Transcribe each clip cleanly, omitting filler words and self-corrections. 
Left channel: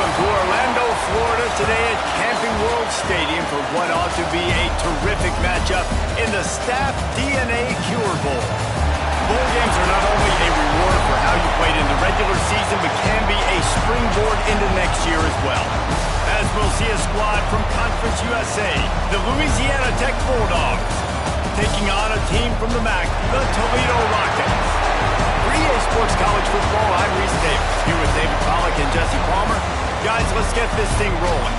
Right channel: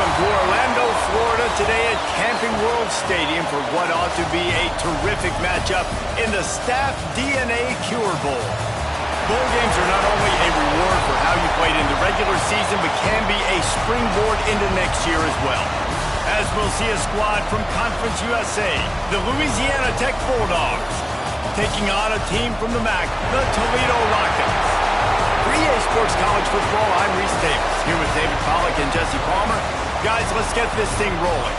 Welcome to Orlando, Florida today at Camping World Stadium for what ought to be a terrific matchup in the Staff DNA Cure Bowl. Bowl games are not only a reward for how you played in the regular season, but can be a springboard into next year as well. As we'll see a squad from Conference USA, the Louisiana Tech Bulldogs, taking on a team from the MAC, the Toledo Rockets. For EA Sports College Football, I'm Reese Davis, here with David Pollack and Jesse Palmer. Guys, let's get this thing rolling.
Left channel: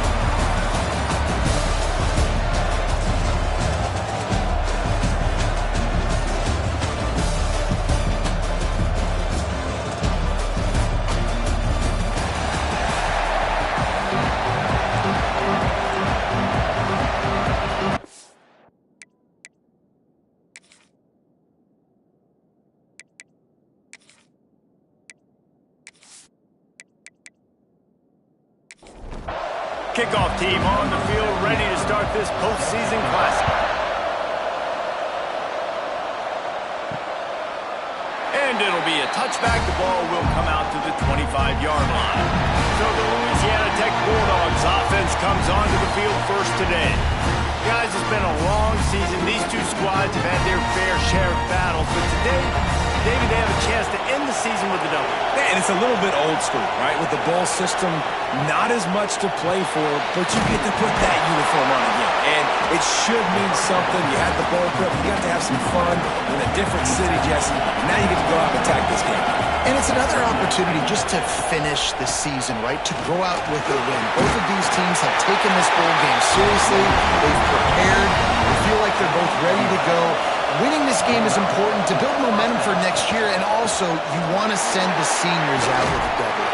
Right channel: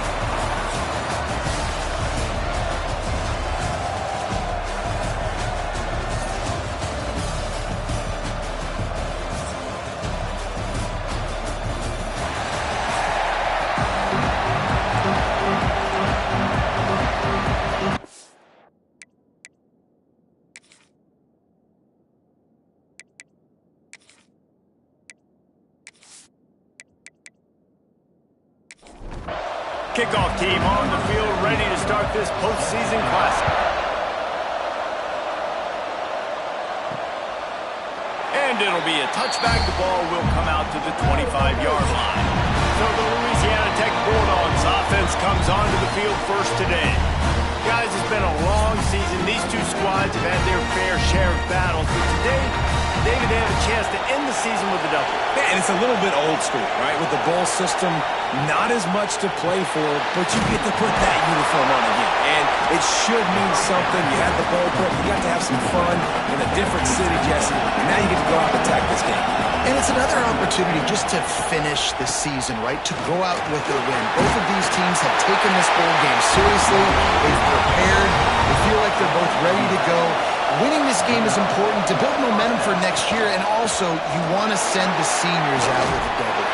Kickoff team on the field, ready to start this postseason classic. And it'll be a touchback. The ball will come out to the 25-yard line. So the Louisiana Tech Bulldogs offense comes onto the field first today. Guys, it's been a long season. These two squads have had their fair share of battles, but today, David, they have a chance to end the season with a W. Yeah, and it's a little bit old school, right? With the bowl system, not as much to play for, but you get to put that uniform on again. And it should mean something. You had the bowl prep. You got to have some fun in a different city, Jesse. And now you get to go out and attack this game. And it's another opportunity just to finish the season, right? To go out with a win. Both of these teams have taken this bowl game seriously. They've prepared. They feel like they're both ready to go. Winning this game is important to build momentum for next year, and also you want to send the seniors out with a W.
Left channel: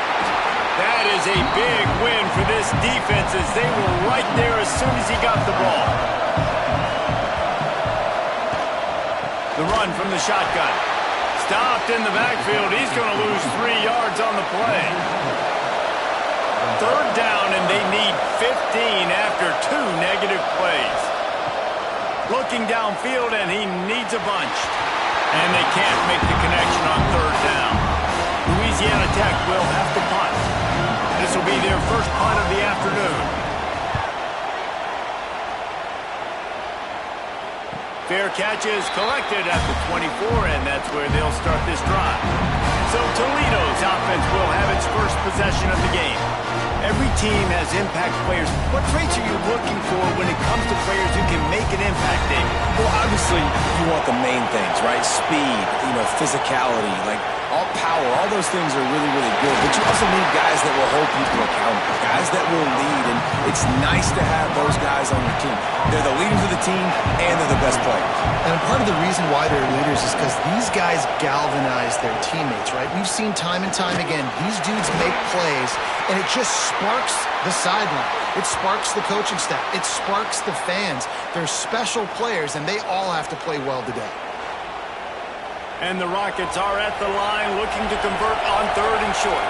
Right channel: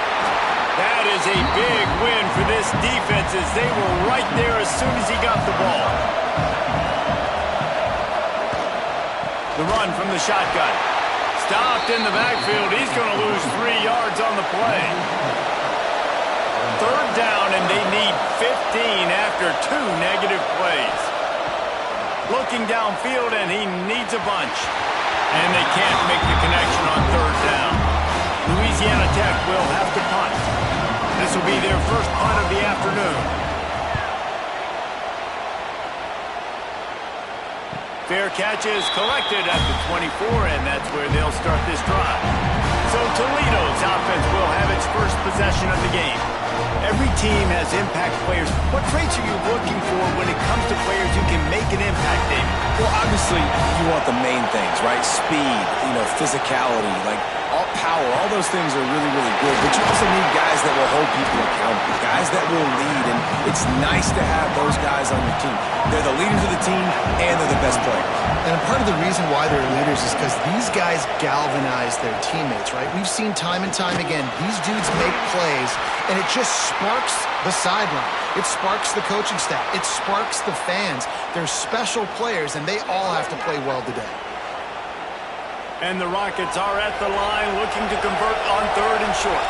That is a big win for this defense as they were right there as soon as he got the ball. The run from the shotgun. Stopped in the backfield. He's going to lose 3 yards on the play. Third down, and they need 15 after 2 negative plays. Looking downfield, and he needs a bunch. And they can't make the connection on third down. Louisiana Tech will have to punt. This will be their first punt of the afternoon. Fair catch is collected at the 24, and that's where they'll start this drive. So Toledo's offense will have its first possession of the game. Every team has impact players. What traits are you looking for when it comes to players who can make an impact, David? Well, obviously, you want the main things, right? Speed, physicality, like all power, all those things are really, really good. But you also need guys that will hold people accountable, guys that will lead. And it's nice to have those guys on your team. They're the leaders of the team, and they're the best players. And part of the reason why they're leaders is because these guys galvanize their teammates, right? We've seen time and time again, these dudes make plays, and it just sparks the sideline. It sparks the coaching staff. It sparks the fans. They're special players, and they all have to play well today. And the Rockets are at the line looking to convert on third and short.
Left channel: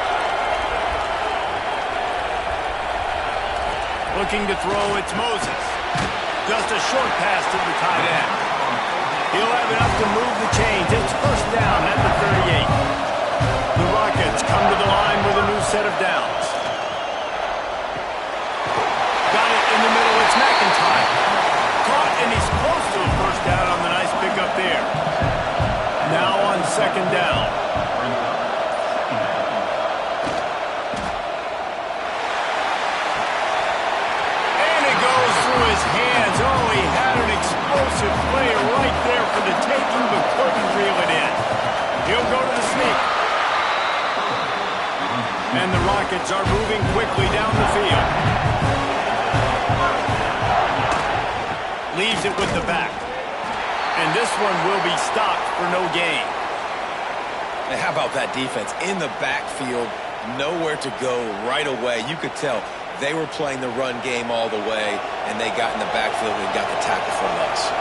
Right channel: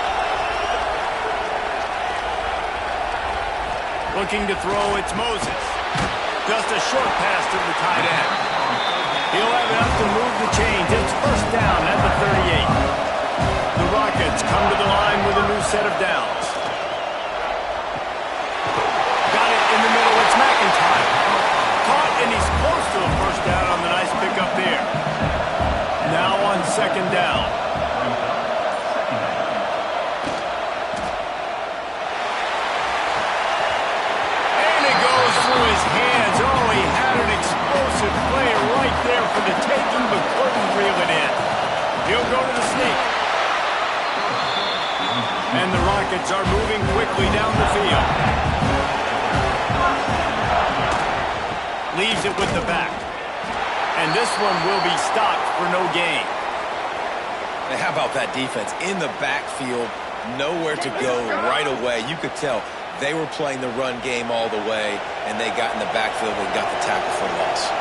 Looking to throw, it's Moses. Just a short pass to the tight end. He'll have enough to move the chains. It's first down at the 38. The Rockets come to the line with a new set of downs. Got it in the middle. It's McIntyre. Caught, and he's close to a first down on the nice pickup there. Now on second down. And it goes through his hands. Oh, he had an explosive play right there for the taking, but couldn't reel it in. He'll go to the sneak. And the Rockets are moving quickly down the field. Leaves it with the back. And this one will be stopped for no gain. And how about that defense? In the backfield, nowhere to go right away. You could tell they were playing the run game all the way, and they got in the backfield and got the tackle for loss.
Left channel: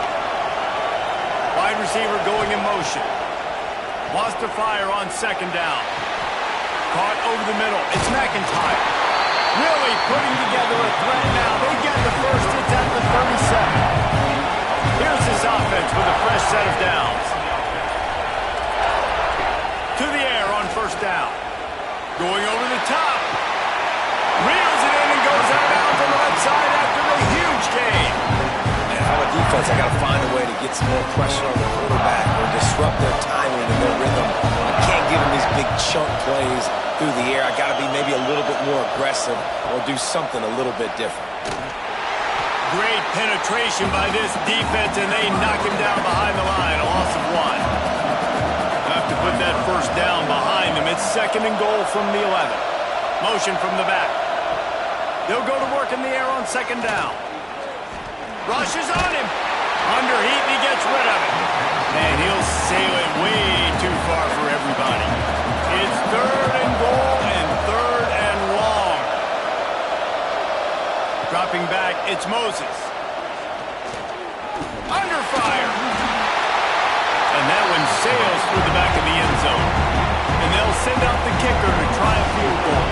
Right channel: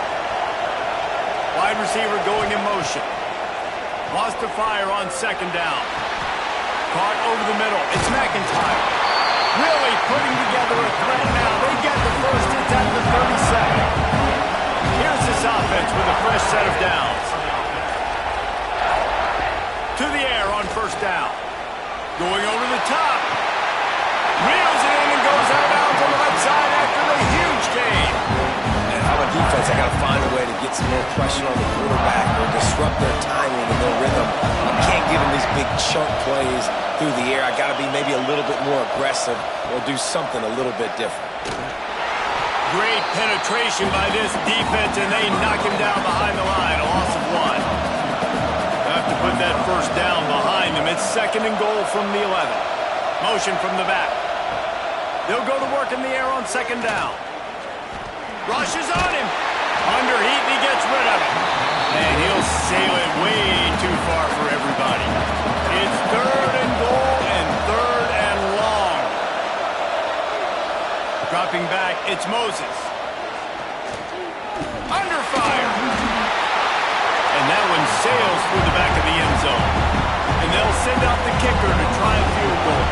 Wide receiver going in motion. Wants to fire on second down. Caught over the middle. It's McIntyre. Really putting together a threat now. They get the first. It's at the 37. Here's this offense with a fresh set of downs. To the air on first down. Going over the top. Reels it in and goes out of bounds on the left side after the huge gain. And if I'm a defense, I got to find a way to get some more pressure on the quarterback or disrupt their timing and their rhythm. I can't give them these big chunk plays through the air. I got to be maybe a little bit more aggressive or do something a little bit different. Great penetration by this defense, and they knock him down behind the line. A loss of 1. Have to put that first down behind them. It's 2nd and goal from the 11. Motion from the back. They'll go to work in the air on 2nd down. Rushes on him. Under heat, and he gets rid of it. And he'll sail it way too far for everybody. It's 3rd and goal and 3rd and long. Dropping back, it's Moses. Under fire. And that one sails through the back of the end zone. And they'll send out the kicker to try a field goal.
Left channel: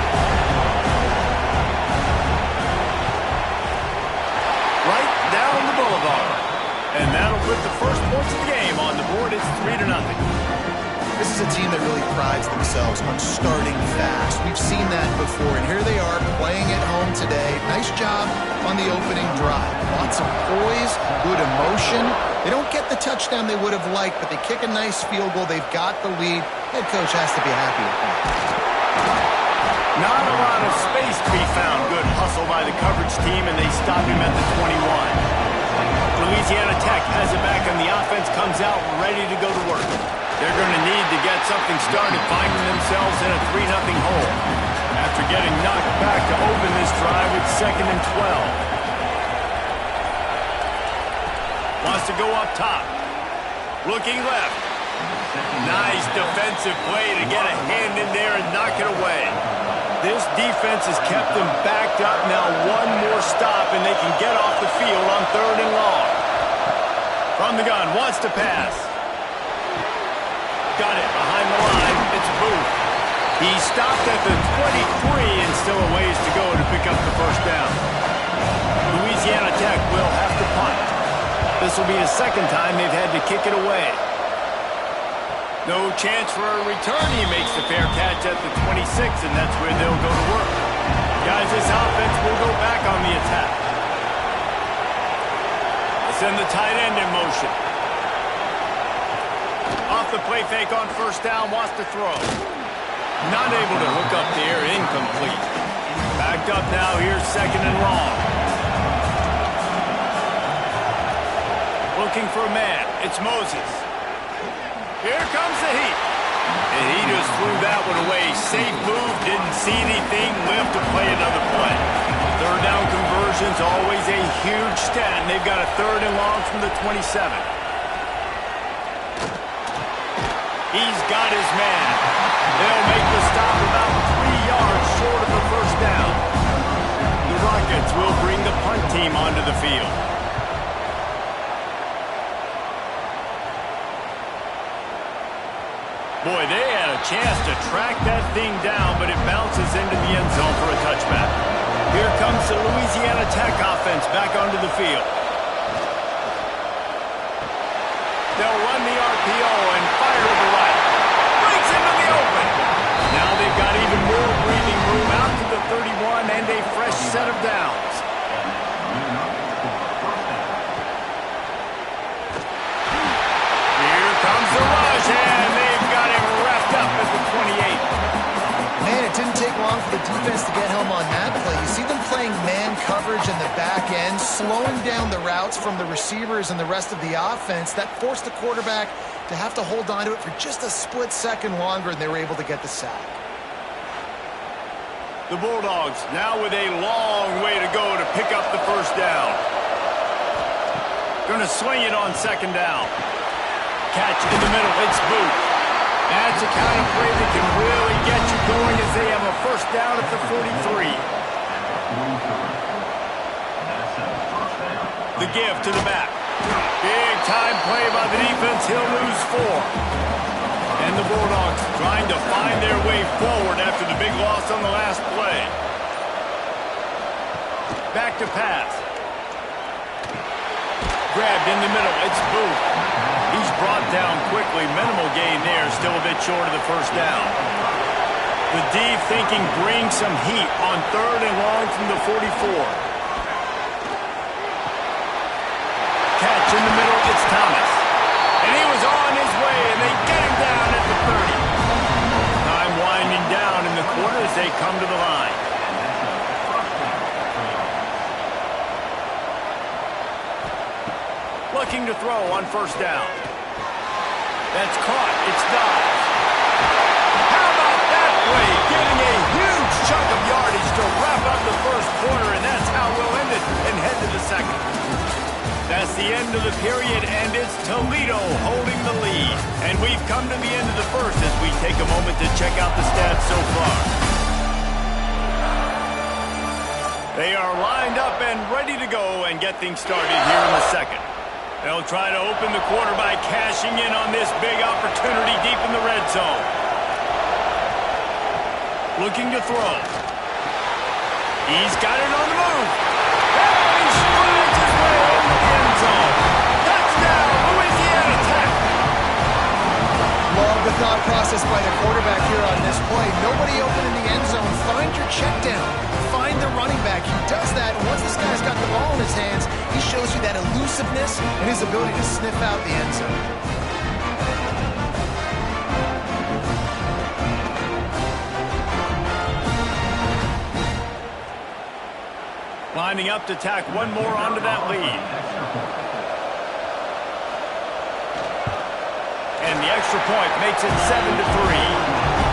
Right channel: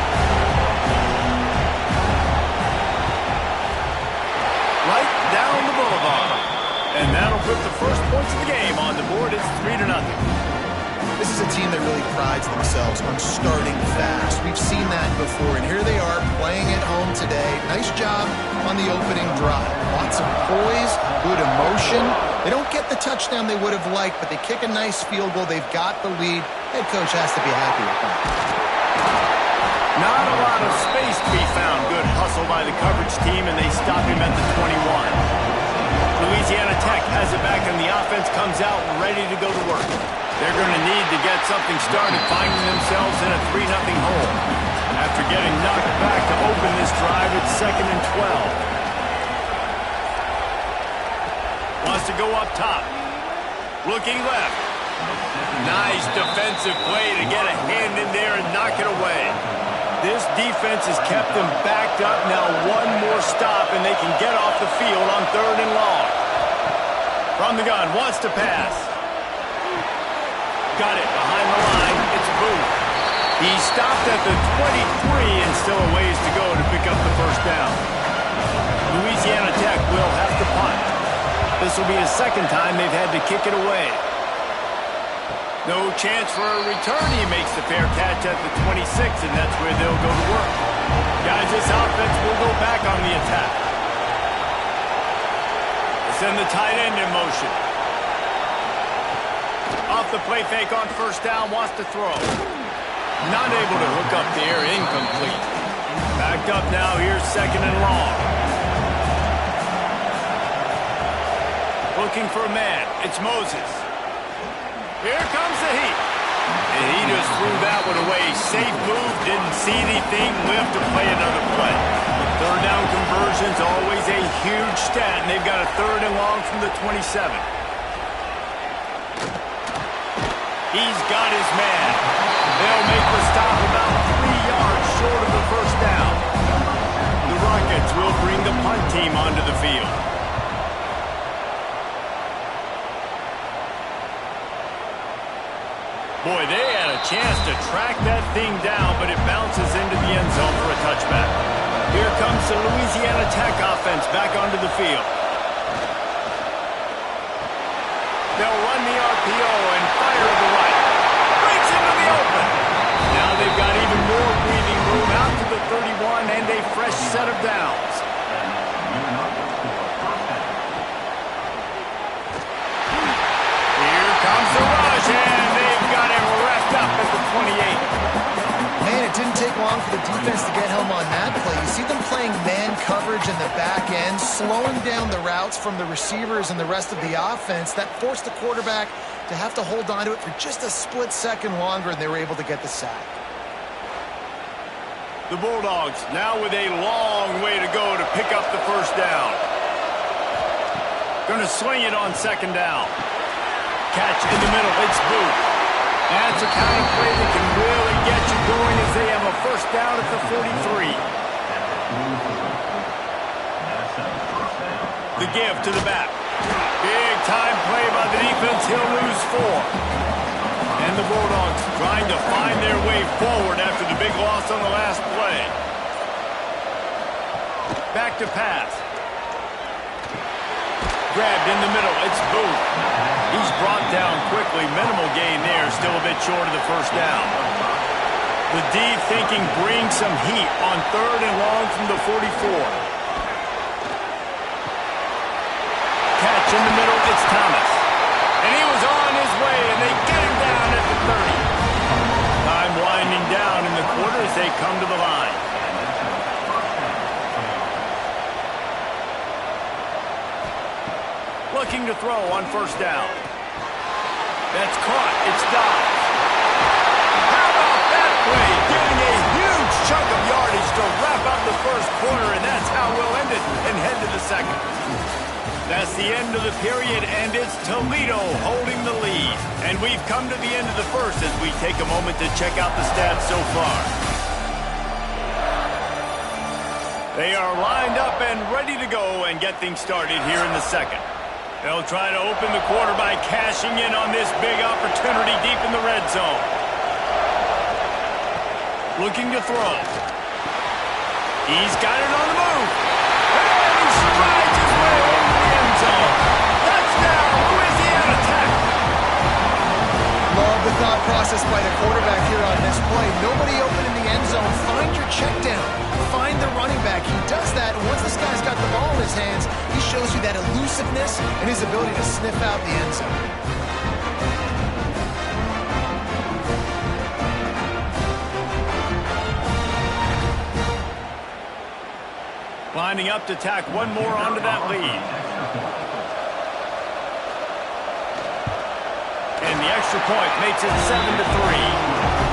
Right down the boulevard. And that'll put the first points of the game on the board. It's 3-0. This is a team that really prides themselves on starting fast. We've seen that before, and here they are playing at home today. Nice job on the opening drive. Lots of poise, good emotion. They don't get the touchdown they would have liked, but they kick a nice field goal. They've got the lead. Head coach has to be happy with that. Not a lot of space to be found. Good hustle by the coverage team, and they stop him at the 21. Louisiana Tech has it back, and the offense comes out ready to go to work. They're going to need to get something started, finding themselves in a 3-0 hole. After getting knocked back to open this drive, it's 2nd and 12. Wants to go up top. Looking left. Nice defensive play to get a hand in there and knock it away. This defense has kept them backed up. Now one more stop, and they can get off the field on 3rd and long. From the gun, wants to pass. Got it behind the line. It's Booth. He stopped at the 23 and still a ways to go to pick up the first down. Louisiana Tech will have to punt. This will be the 2nd time they've had to kick it away. No chance for a return. He makes the fair catch at the 26, and that's where they'll go to work. Guys, this offense will go back on the attack. Let's send the tight end in motion. Off the play fake on 1st down, wants to throw. Not able to hook up there, incomplete. Backed up now, here's 2nd and long. Looking for a man, it's Moses. Here comes the heat. And he just threw that one away. Safe move, didn't see anything, lived to play another play. 3rd down conversion's always a huge stat, and they've got a 3rd and long from the 27. He's got his man. They'll make the stop about 3 yards short of the first down. The Rockets will bring the punt team onto the field. Boy, they had a chance to track that thing down, but it bounces into the end zone for a touchback. Here comes the Louisiana Tech offense back onto the field. They'll run the RPO and fire to the right. Breaks into the open. Now they've got even more breathing room out to the 31 and a fresh set of downs. Here comes the rush, and they've got him wrapped up at the 28. Man, it didn't take long for the defense to get home on that play. You see them playing man coverage in the back end, slowing down the routes from the receivers and the rest of the offense. That forced the quarterback to have to hold on to it for just a split second longer, and they were able to get the sack. The Bulldogs now with a long way to go to pick up the first down. Going to swing it on 2nd down. Catch in the middle, it's Booth. That's a kind of play that can really get you going as they have a first down at the 43. The give to the back. Big time play by the defense. He'll lose 4. And the Bulldogs trying to find their way forward after the big loss on the last play. Back to pass. Grabbed in the middle. It's Booth. He's brought down quickly. Minimal gain there. Still a bit short of the first down. The D thinking bring some heat on 3rd and long from the 44. Catch in the middle, it's Thomas. And he was on his way, and they get him down at the 30. Time winding down in the quarter as they come to the line. Looking to throw on 1st down. That's caught. It's Dobbs. How about that play? Getting a huge chunk of yardage to wrap up the 1st quarter, and that's how we'll end it and head to the 2nd. That's the end of the period, and it's Toledo holding the lead. And we've come to the end of the 1st as we take a moment to check out the stats so far. They are lined up and ready to go and get things started here in the 2nd. They'll try to open the quarter by cashing in on this big opportunity deep in the red zone. Looking to throw. He's got it on the move. And he strides his way into the end zone. Touchdown, Louisiana Tech. Love the thought process by the quarterback here on this play. Nobody open in the end zone. Find your check down. Find the running back. He does that, and once this guy's got the ball in his hands, he shows you that elusiveness and his ability to sniff out the end zone. Lining up to tack one more onto that lead. And the extra point makes it 7-3.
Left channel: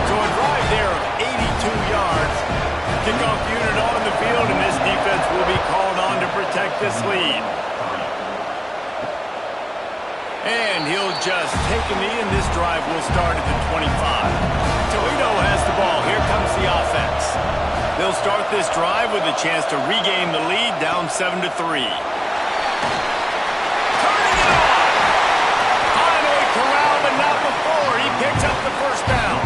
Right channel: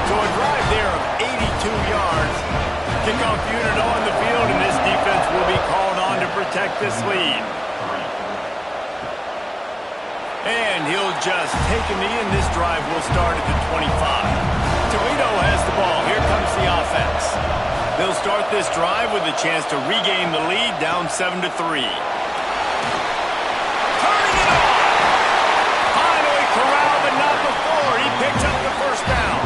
So a drive there of 82 yards. Kickoff unit on the field, and this defense will be called on to protect this lead. And he'll just take a knee, and this drive will start at the 25. Toledo has the ball. Here comes the offense. They'll start this drive with a chance to regain the lead, down 7-3. Turning it on! Finally corralled, but not before. He picks up the 1st down.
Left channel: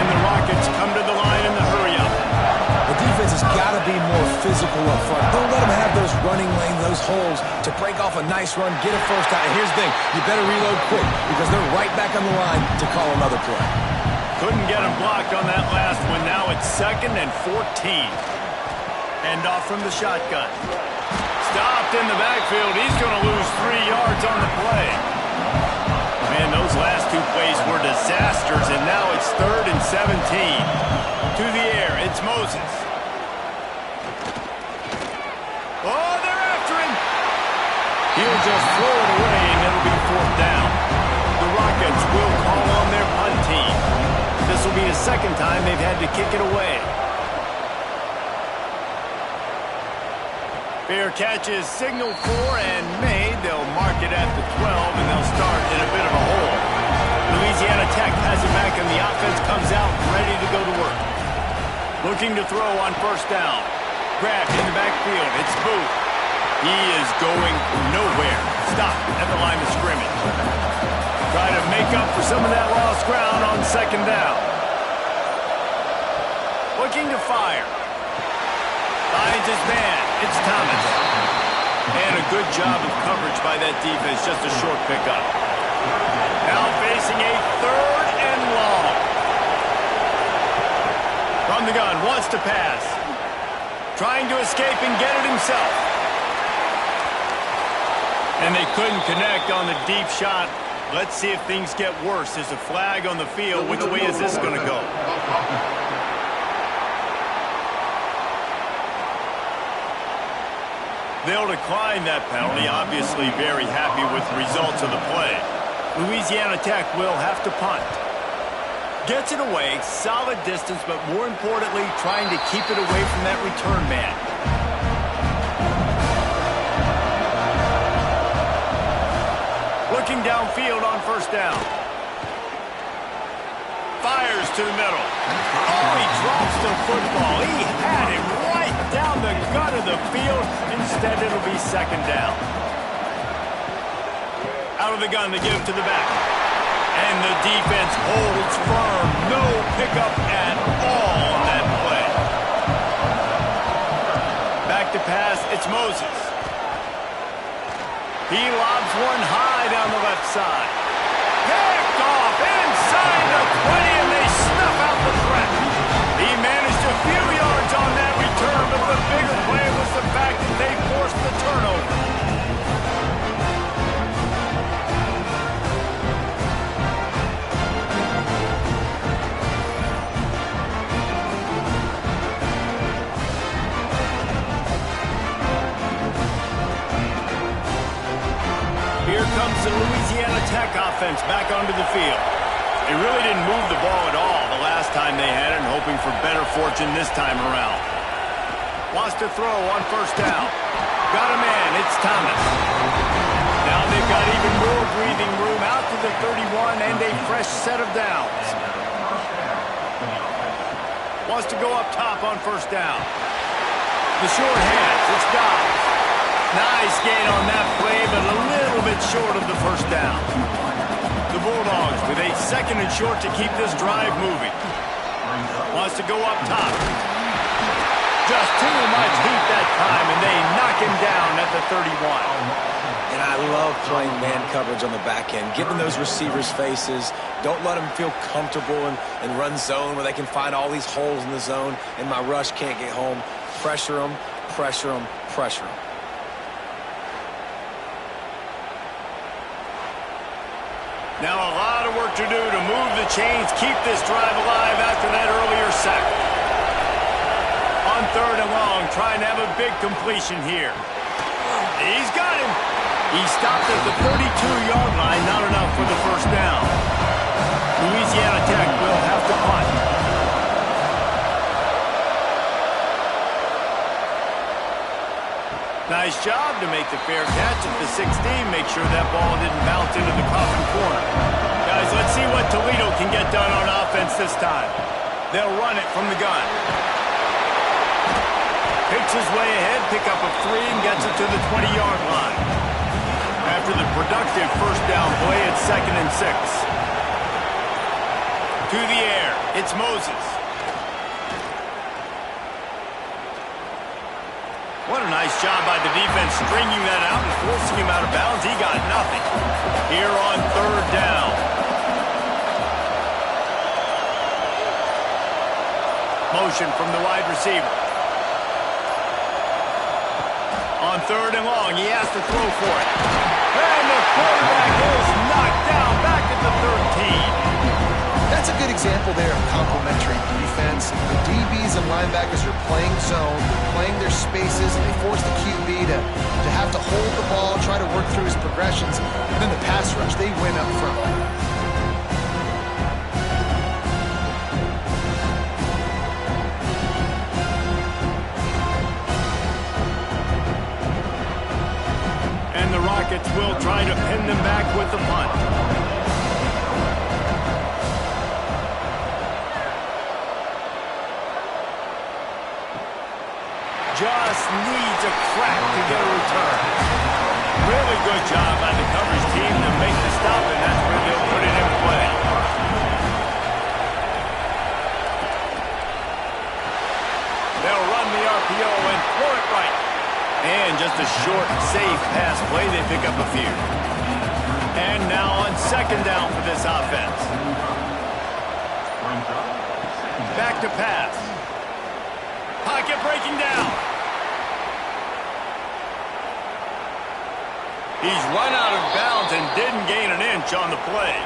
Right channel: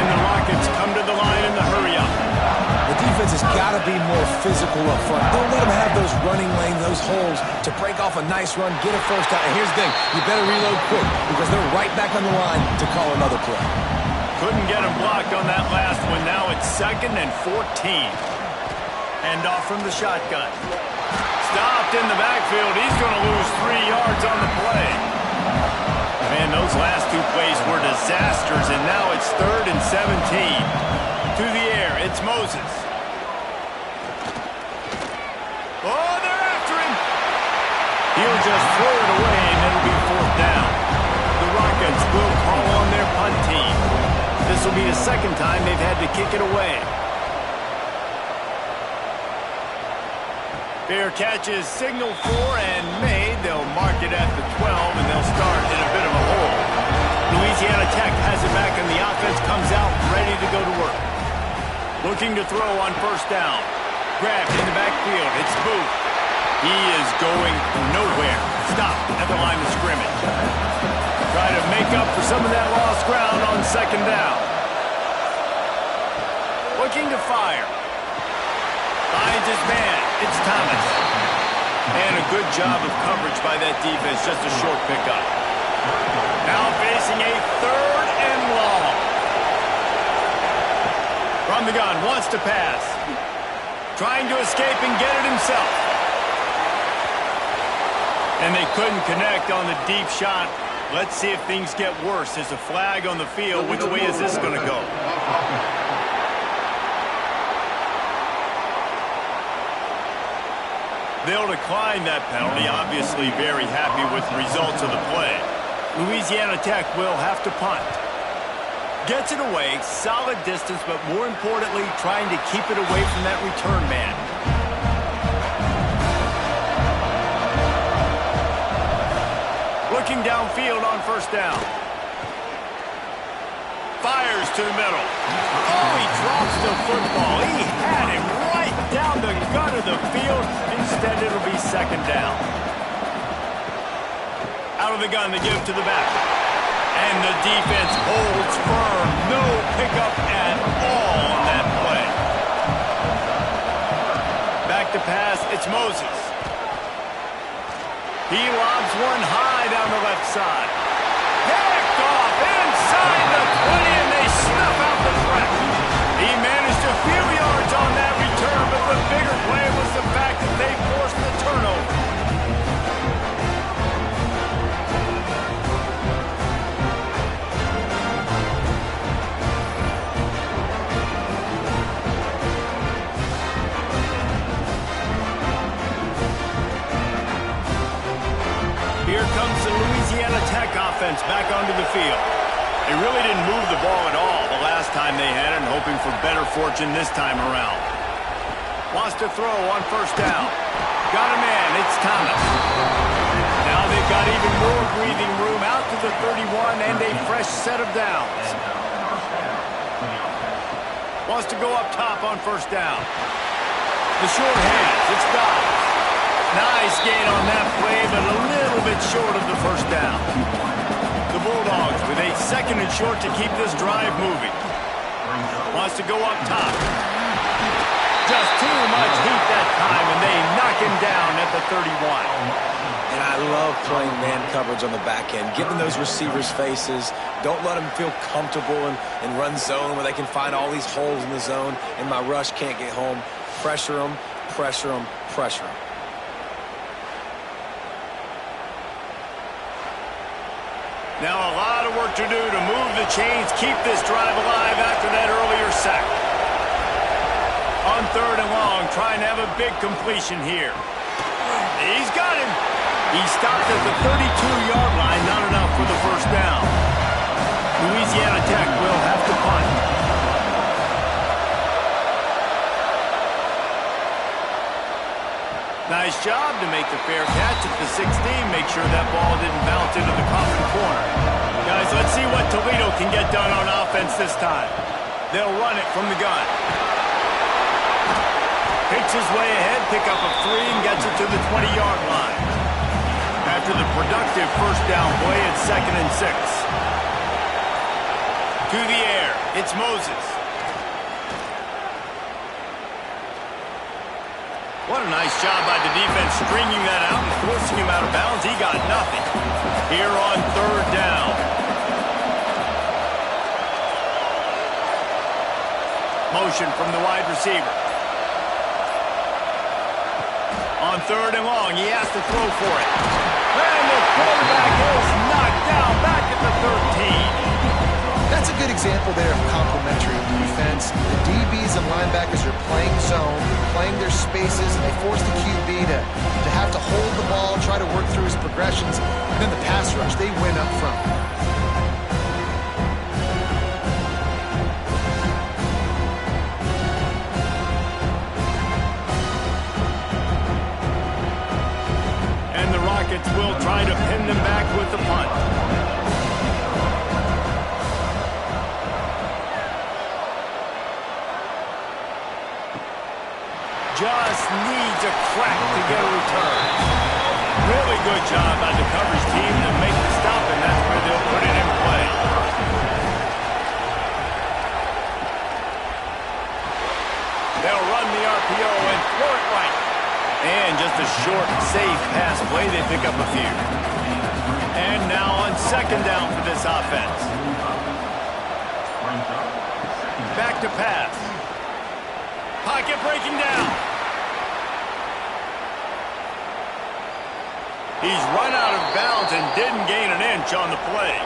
And the Rockets come to the line in the hurry-up. The defense has got to be more physical up front. Don't let them have those running lanes, those holes to break off a nice run, get a 1st down. And here's the thing, you better reload quick because they're right back on the line to call another play. Couldn't get him blocked on that last one. Now it's 2nd and 14. Hand off from the shotgun. Stopped in the backfield. He's going to lose 3 yards on the play. Man, those last 2 plays were disasters, and now it's 3rd and 17. To the air, it's Moses. Oh, they're after him. He'll just throw it away, and it'll be 4th down. The Rockets will call on their punt team. This will be the 2nd time they've had to kick it away. Fair catch is signaled for and made. They'll mark it at the 12, and they'll start in a bit of a hole. Louisiana Tech has it back, and the offense comes out ready to go to work. Looking to throw on 1st down. Grabbed in the backfield. It's Booth. He is going nowhere. Stop at the line of scrimmage. Try to make up for some of that lost ground on 2nd down. Looking to fire. Finds his man. It's Thomas. And a good job of coverage by that defense. Just a short pickup. Now facing a 3rd and long. From the gun, wants to pass. Trying to escape and get it himself. And they couldn't connect on the deep shot. Let's see if things get worse. There's a flag on the field. Which way is this going to go? They'll decline that penalty. Obviously very happy with the results of the play. Louisiana Tech will have to punt. Gets it away, solid distance, but more importantly, trying to keep it away from that return man. Looking downfield on 1st down. Fires to the middle. Oh, he drops the football. He had it right down the gut of the field. Instead, it'll be 2nd down. Out of the gun, they give it to the back. And the defense holds firm. No pickup at all on that play. Back to pass, it's Moses. He lobs one high down the left side. Picked off inside the 20, and they snuff out the threat. He managed a few yards on that return, but the bigger play was the fact that they forced the turnover. Here comes the Louisiana Tech offense back onto the field. They really didn't move the ball at all the last time they had it, and hoping for better fortune this time around. Wants to throw on first down. Got a man, it's Thomas. Now they've got even more breathing room out to the 31 and a fresh set of downs. Wants to go up top on first down. The short hands, it's Dobbs. Nice gain on that play, but a little bit short of the first down. The Bulldogs with a second and short to keep this drive moving. Wants to go up top. Just too much heat that time, and they knock him down at the 31. And I love playing man coverage on the back end, giving those receivers faces. Don't let them feel comfortable and run zone where they can find all these holes in the zone, and my rush can't get home. Pressure them, pressure them, pressure them. Now a lot of work to do to move the chains, keep this drive alive after that earlier sack. On third and long, trying to have a big completion here. He's got him. He stopped at the 32-yard line, not enough for the first down. Louisiana Tech will have to punt. Nice job to make the fair catch at the 16. Make sure that ball didn't bounce into the coffin corner. Guys, let's see what Toledo can get done on offense this time. They'll run it from the gun. Picks his way ahead, pick up a 3, and gets it to the 20-yard line. After the productive first down play, it's 2nd and 6. To the air, it's Moses. What a nice job by the defense stringing that out and forcing him out of bounds. He got nothing. Here on third down. Motion from the wide receiver. On third and long, he has to throw for it. And the quarterback is knocked down back at the 13. That's a good example there of complementary defense. The DBs and linebackers are playing zone, they're playing their spaces, and they force the QB to have to hold the ball, try to work through his progressions, and then the pass rush, they win up front. And the Rockets will try to pin them back with the punt. Just needs a crack to get a return. Really good job by the coverage team to make the stop, and that's where they'll put it in play. They'll run the RPO and throw it right. And just a short, safe pass play. They pick up a few. And now on second down for this offense. Back to pass. Pocket breaking down. He's run out of bounds and didn't gain an inch on the play.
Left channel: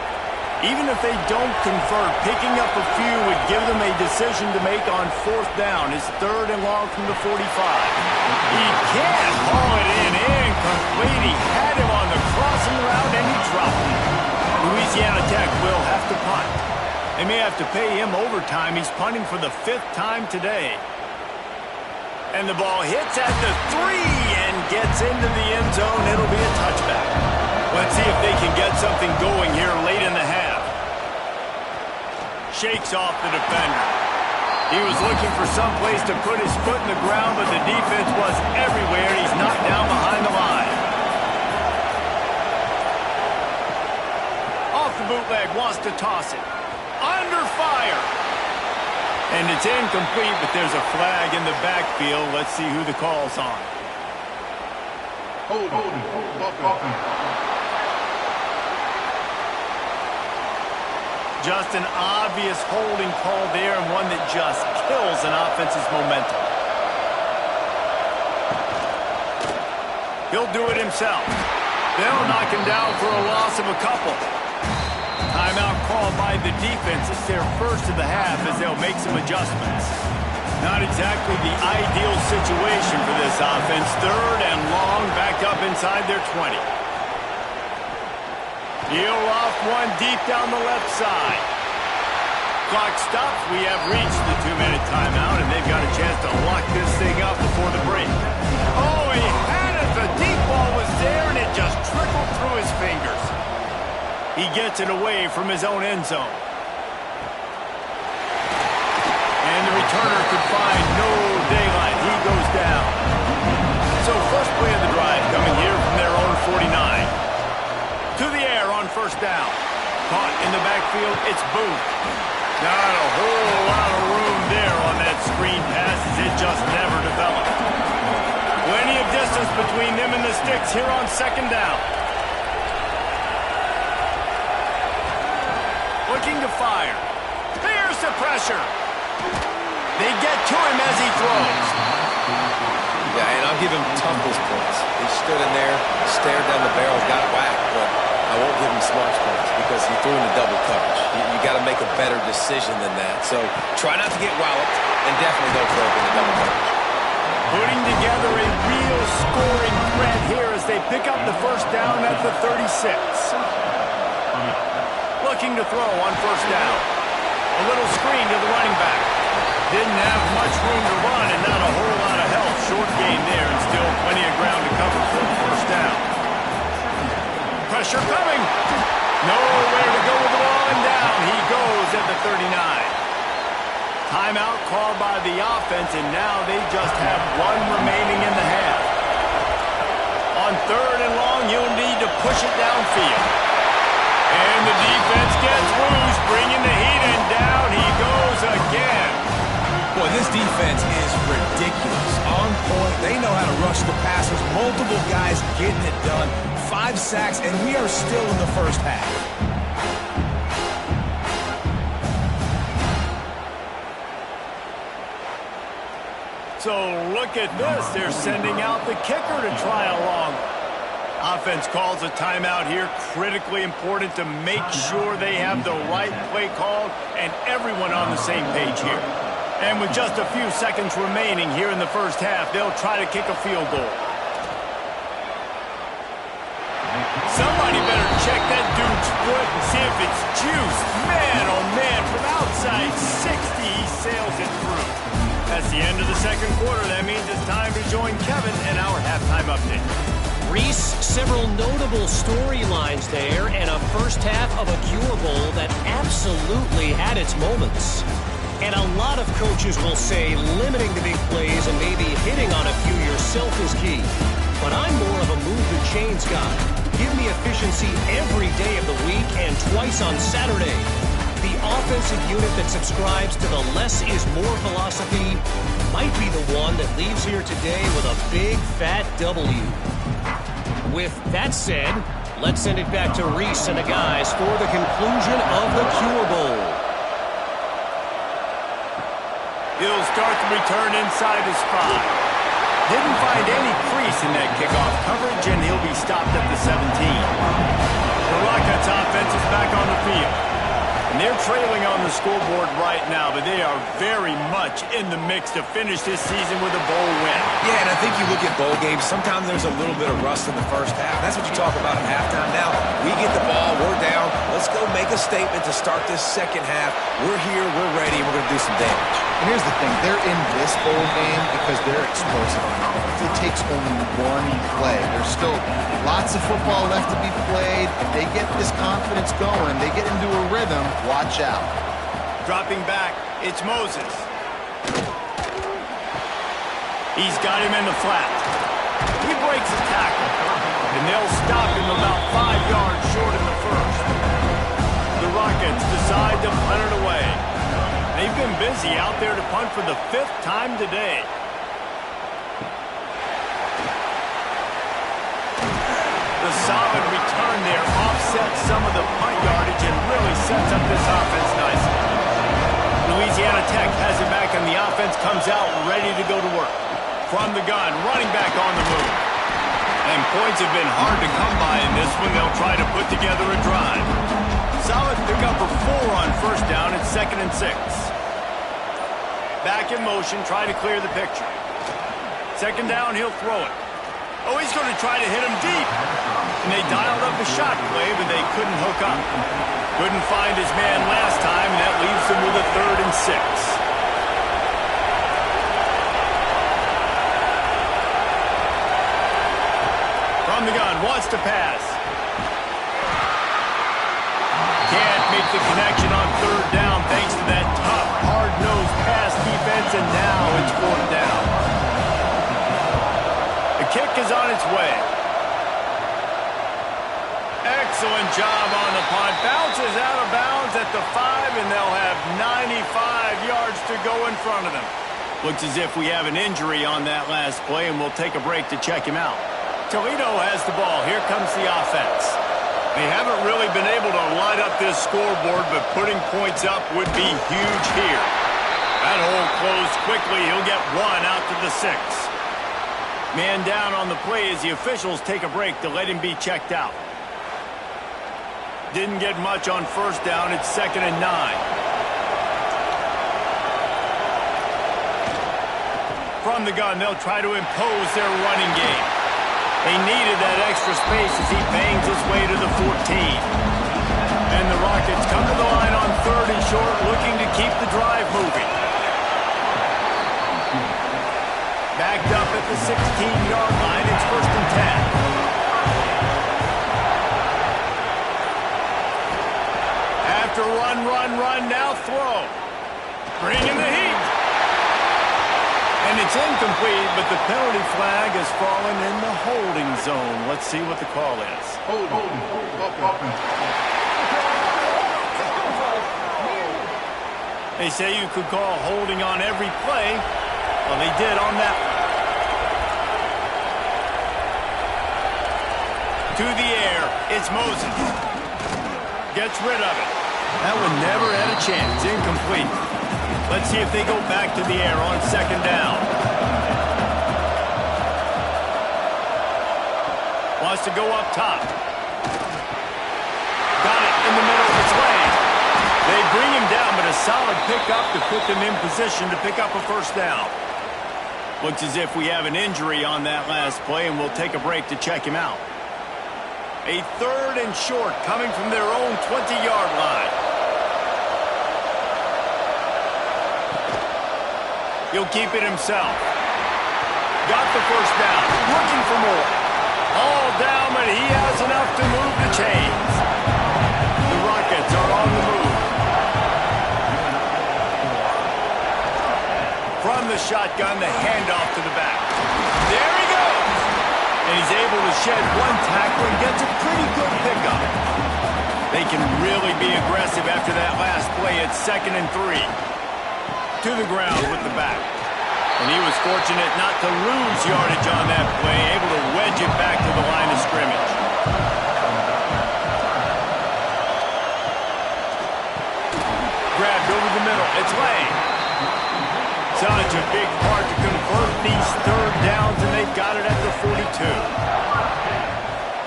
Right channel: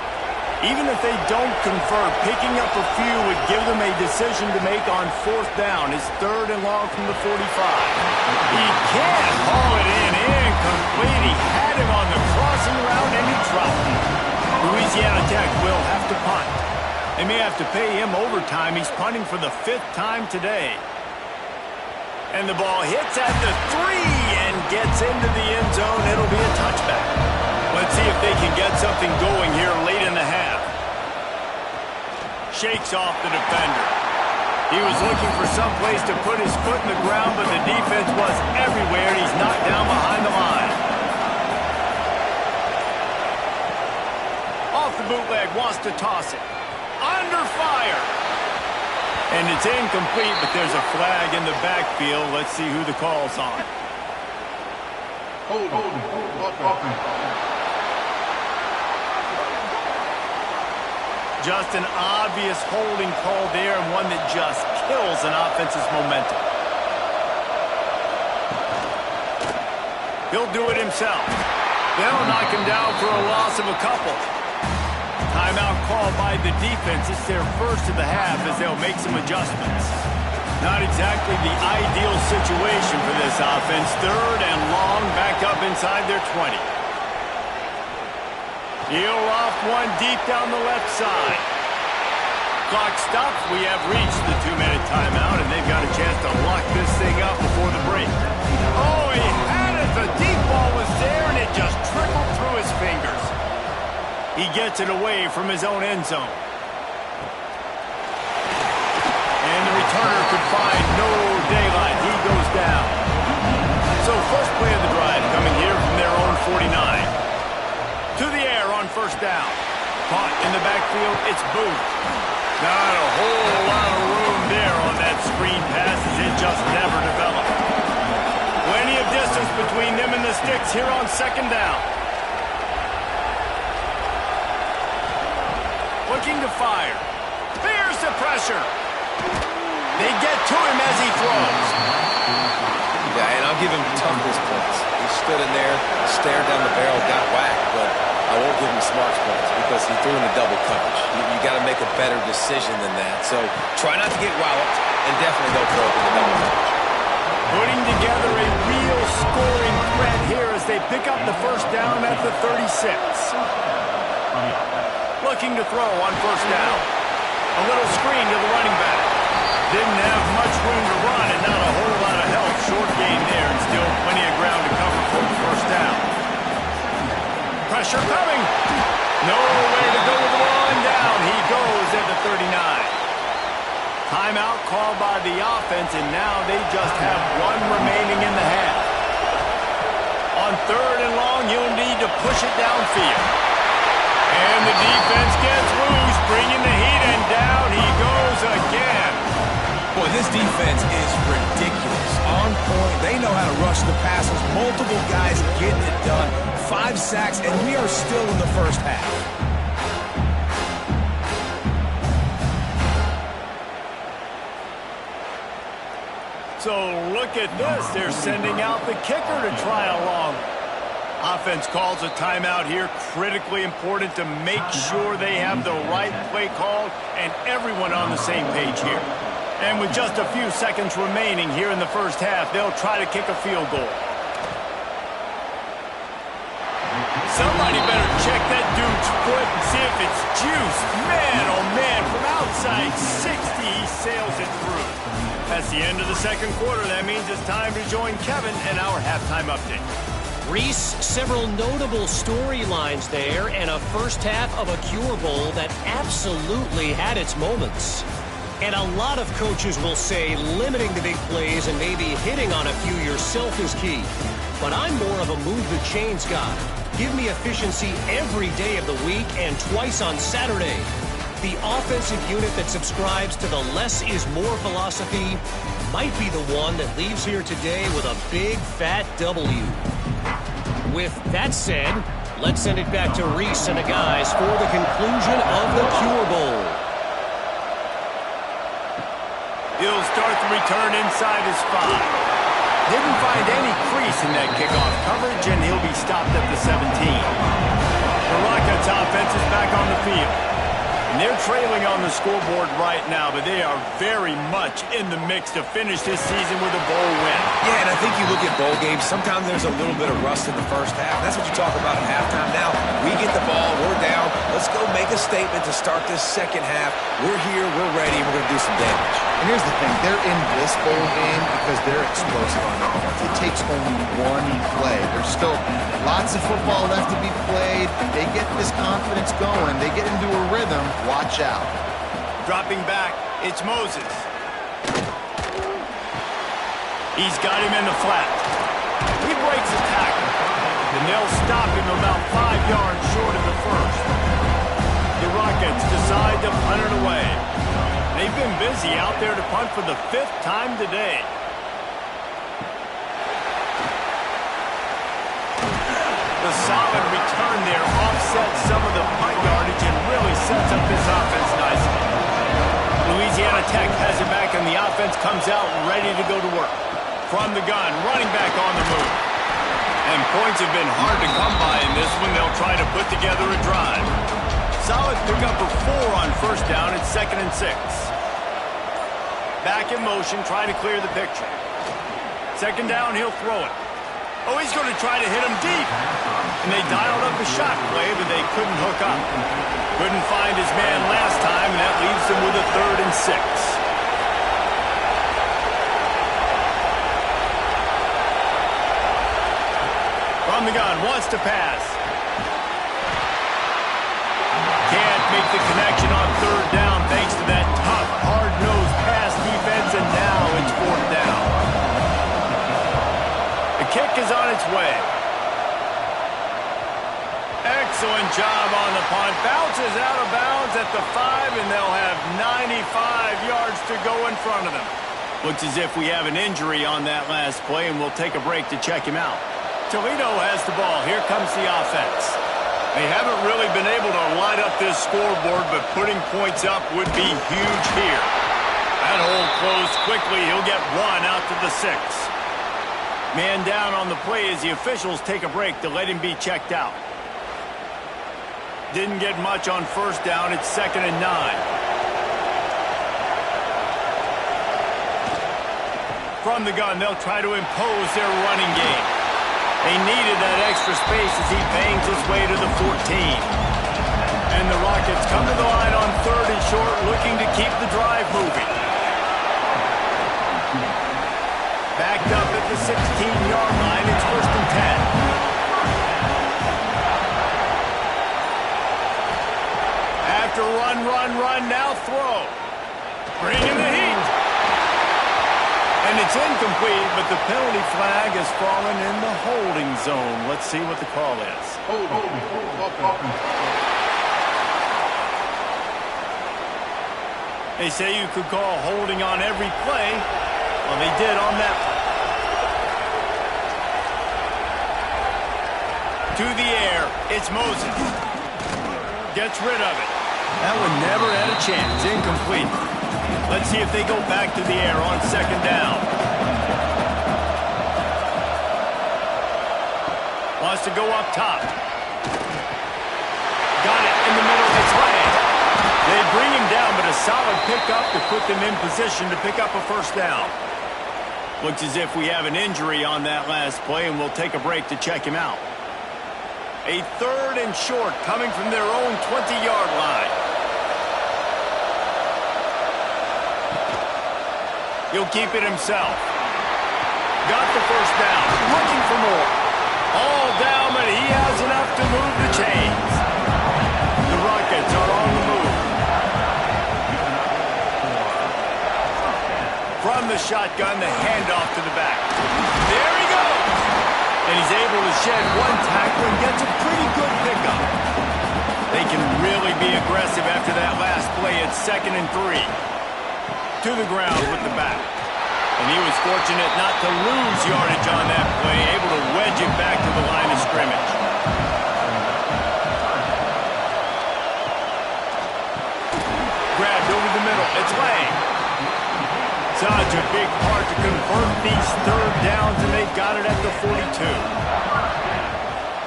Even if they don't convert, picking up a few would give them a decision to make on fourth down. It's third and long from the 45. He can't haul it in. Incomplete. He had him on the crossing route and he dropped him. Louisiana Tech will have to punt. They may have to pay him overtime. He's punting for the 5th time today. And the ball hits at the 3 and gets into the end zone. It'll be a touchback. Let's see if they can get something going here late in the half. Shakes off the defender. He was looking for some place to put his foot in the ground, but the defense was everywhere, and he's knocked down behind the line. Off the bootleg, wants to toss it. Under fire. And it's incomplete, but there's a flag in the backfield. Let's see who the call's on. Hold Just an obvious holding call there, and one that just kills an offense's momentum. He'll do it himself. They'll knock him down for a loss of a couple. Timeout called by the defense. It's their first of the half as they'll make some adjustments. Not exactly the ideal situation for this offense. Third and long, backed up inside their 20. He'll loft one deep down the left side. Clock stops. We have reached the 2-minute timeout, and they've got a chance to lock this thing up before the break. Oh, he had it. The deep ball was there, and it just trickled through his fingers. He gets it away from his own end zone. And the returner could find no daylight. He goes down. So first play of the drive coming here from their own 49. To the air on first down. Caught in the backfield, it's Booth. Not a whole lot of room there on that screen pass as it just never developed. Plenty of distance between them and the sticks here on second down. Looking to fire. Here's the pressure. They get to him as he throws. Yeah, and I'll give him toughness points. He stood in there, stared down the barrel, got whacked, but I won't give him smarts points because he threw into double coverage. You got to make a better decision than that. So try not to get walloped, and definitely don't throw up into double coverage. Putting together a real scoring threat here as they pick up the first down at the 36. Looking to throw on first down. A little screen to the running back. Didn't have much room to run and not a whole lot of help. Short gain there and still plenty of ground to cover for the first down. Pressure coming. Nowhere to go with the ball and down. He goes at the 39. Timeout called by the offense, and now they just have one remaining in the half. On third and long, you'll need to push it downfield. And the defense gets loose, bringing the heat, and down he goes again. Boy, this defense is ridiculous. On point. They know how to rush the passers. Multiple guys getting it done. 5 sacks, and we are still in the first half. So look at this. They're sending out the kicker to try a long one. Offense calls a timeout here. Critically important to make sure they have the right play called and everyone on the same page here. And with just a few seconds remaining here in the first half, they'll try to kick a field goal. Somebody better check that dude's foot and see if it's juice. Man, oh man, from outside 60, he sails it through. That's the end of the second quarter. That means it's time to join Kevin in our halftime update. Reese, several notable storylines there and a first half of a Cure Bowl that absolutely had its moments. And a lot of coaches will say limiting the big plays and maybe hitting on a few yourself is key. But I'm more of a move the chains guy. Give me efficiency every day of the week and twice on Saturday. The offensive unit that subscribes to the less is more philosophy might be the one that leaves here today with a big fat W. With that said, let's send it back to Reese and the guys for the conclusion of the Cure Bowl. He'll start the return inside his 5. Didn't find any crease in that kickoff coverage, and he'll be stopped at the 17. The Rockets offense is back on the field. And they're trailing on the scoreboard right now, but they are very much in the mix to finish this season with a bowl win. Yeah, and I think you look at bowl games, sometimes there's a little bit of rust in the first half. That's what you talk about at halftime. Now, we get the ball, we're down. Let's go make a statement to start this second half. We're here, we're ready, and we're going to do some damage. And here's the thing, they're in this bowl game because they're explosive on offense. It takes only one play. There's still lots of football left to be played. They get this confidence going. They get into a rhythm. Watch out. Dropping back, it's Moses. He's got him in the flat. He breaks a tackle, and they'll stop him about 5 yards short in the first. The Rockets decide to punt it away. They've been busy out there to punt for the 5th time today. The solid return there offsets some of the punt yardage and really sets up this offense nicely. Louisiana Tech has it back, and the offense comes out ready to go to work. From the gun, running back on the move. And points have been hard to come by in this one. They'll try to put together a drive. Solid pickup for 4 on first down. It's 2nd and 6. Back in motion, try to clear the picture. 2nd down, he'll throw it. Oh, he's going to try to hit him deep. And they dialed up a shot play, but they couldn't hook up. Couldn't find his man last time, and that leaves them with a 3rd and 6. From the gun, wants to pass. Can't make the connection on 3rd down thanks to that tough, hard-nosed pass defense, and now it's 4th down. The kick is on its way. Excellent job on the punt. Bounces out of bounds at the 5, and they'll have 95 yards to go in front of them. Looks as if we have an injury on that last play, and we'll take a break to check him out. Toledo has the ball. Here comes the offense. They haven't really been able to light up this scoreboard, but putting points up would be huge here. That hole closed quickly. He'll get 1 out to the 6. Man down on the play as the officials take a break to let him be checked out. Didn't get much on first down. It's 2nd and 9. From the gun, they'll try to impose their running game. They needed that extra space as he bangs his way to the 14. And the Rockets come to the line on 3rd and short, looking to keep the drive moving. Backed up at the 16-yard line, it's 1st and 10. After run, now throw. Bringing the heat. And it's incomplete, but the penalty flag has fallen in the holding zone. Let's see what the call is. They say you could call holding on every play. Well, they did on that one. To the air, it's Moses. Gets rid of it. That one never had a chance. Incomplete. Let's see if they go back to the air on 2nd down. Wants to go up top. Got it in the middle. It's Lang. They bring him down, but a solid pickup to put them in position to pick up a 1st down. Looks as if we have an injury on that last play, and we'll take a break to check him out. A 3rd and short coming from their own 20-yard line. He'll keep it himself. Got the 1st down. Looking for more. All down, but he has enough to move the chains. The Rockets are on the move. From the shotgun, the handoff to the back. There he goes. And he's able to shed 1 tackle and gets a pretty good pickup. They can really be aggressive after that last play. It's 2nd and 3. To the ground with the back. And he was fortunate not to lose yardage on that play, able to wedge it back to the line of scrimmage. Grabbed over the middle. It's Lang. Such a big part to convert these 3rd downs, and they've got it at the 42.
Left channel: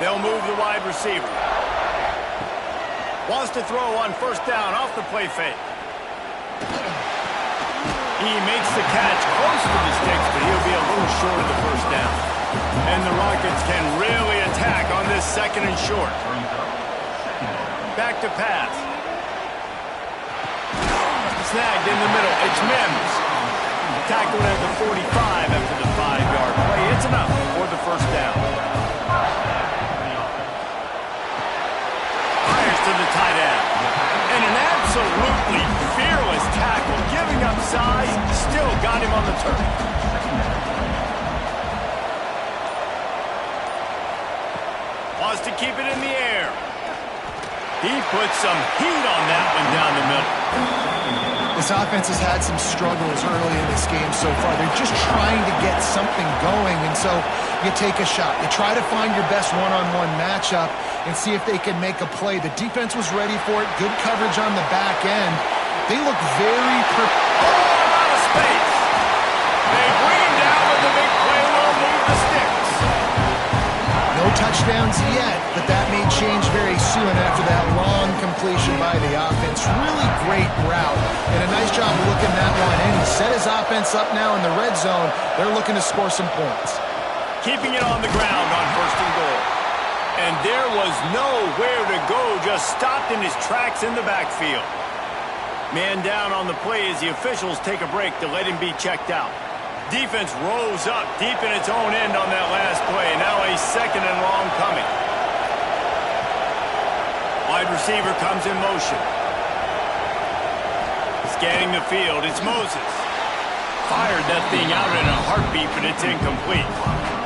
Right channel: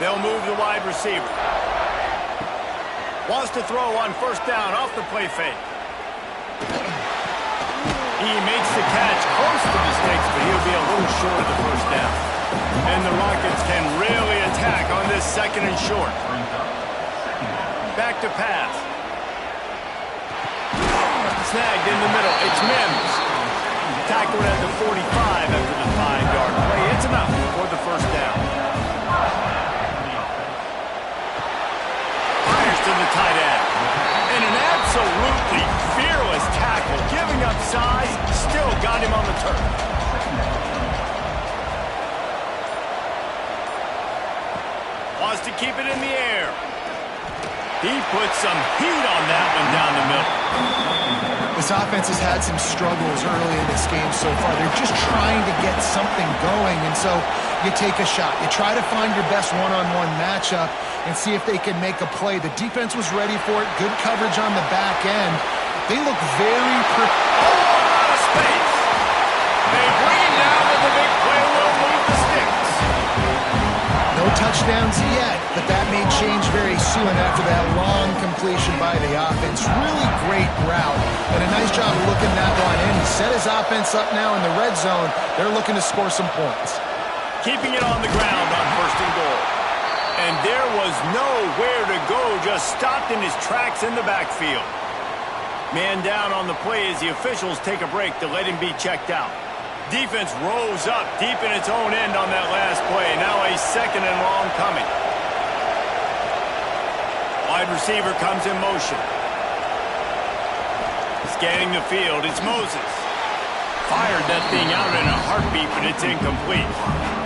They'll move the wide receiver. Wants to throw on 1st down off the play fake. He makes the catch close to the sticks, but he'll be a little short of the 1st down. And the Rockets can really attack on this 2nd and short. Back to pass. Snagged in the middle. It's Mims. Tackled at the 45 after the 5-yard play. It's enough for the 1st down. Fires to the tight end. And an absolutely fearless tackle. Giving up size, still got him on the turf. Wants to keep it in the air. He put some heat on that one down the middle. This offense has had some struggles early in this game so far. They're just trying to get something going, and so you take a shot. You try to find your best one-on-one matchup and see if they can make a play. The defense was ready for it. Good coverage on the back end. They look very all out of space. They bring him down, but the big play will move the sticks. No touchdowns yet, but that may change very soon after that long completion by the offense. Really great route, and a nice job of looking that one in. He set his offense up now in the red zone. They're looking to score some points. Keeping it on the ground on 1st and goal. And there was nowhere to go, just stopped in his tracks in the backfield. Man down on the play as the officials take a break to let him be checked out. Defense rose up deep in its own end on that last play. Now a 2nd and long coming. Wide receiver comes in motion. Scanning the field, it's Moses. Fired that thing out in a heartbeat, but it's incomplete.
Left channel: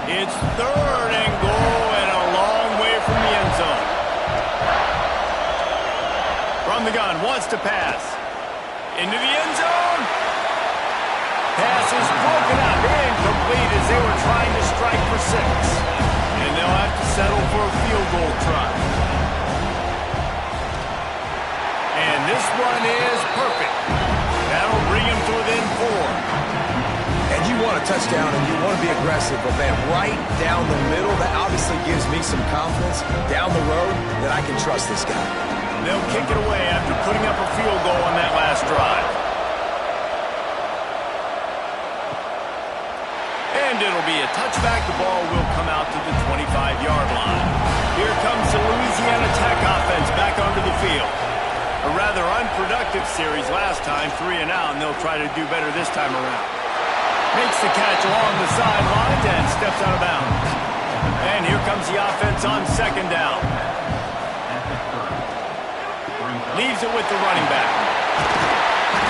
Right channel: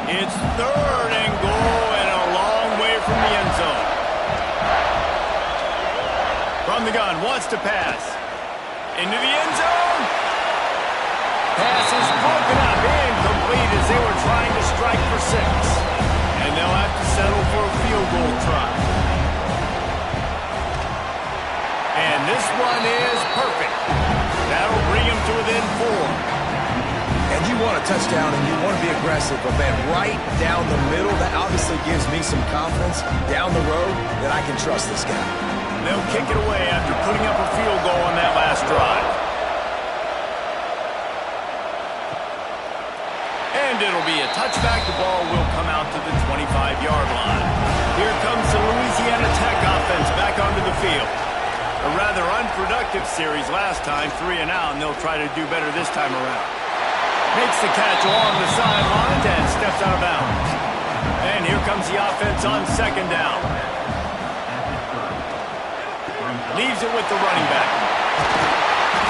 It's 3rd and goal and a long way from the end zone. From the gun, wants to pass. Into the end zone. Pass is broken up, incomplete as they were trying to strike for 6. And they'll have to settle for a field goal try. And this one is perfect. That'll bring him to within 4. And you want a touchdown and you want to be aggressive, but man, right down the middle, that obviously gives me some confidence down the road that I can trust this guy. They'll kick it away after putting up a field goal on that last drive. And it'll be a touchback. The ball will come out to the 25-yard line. Here comes the Louisiana Tech offense back onto the field. A rather unproductive series last time, 3 and out, and they'll try to do better this time around. Makes the catch along the sidelines and steps out of bounds. And here comes the offense on 2nd down. Leaves it with the running back.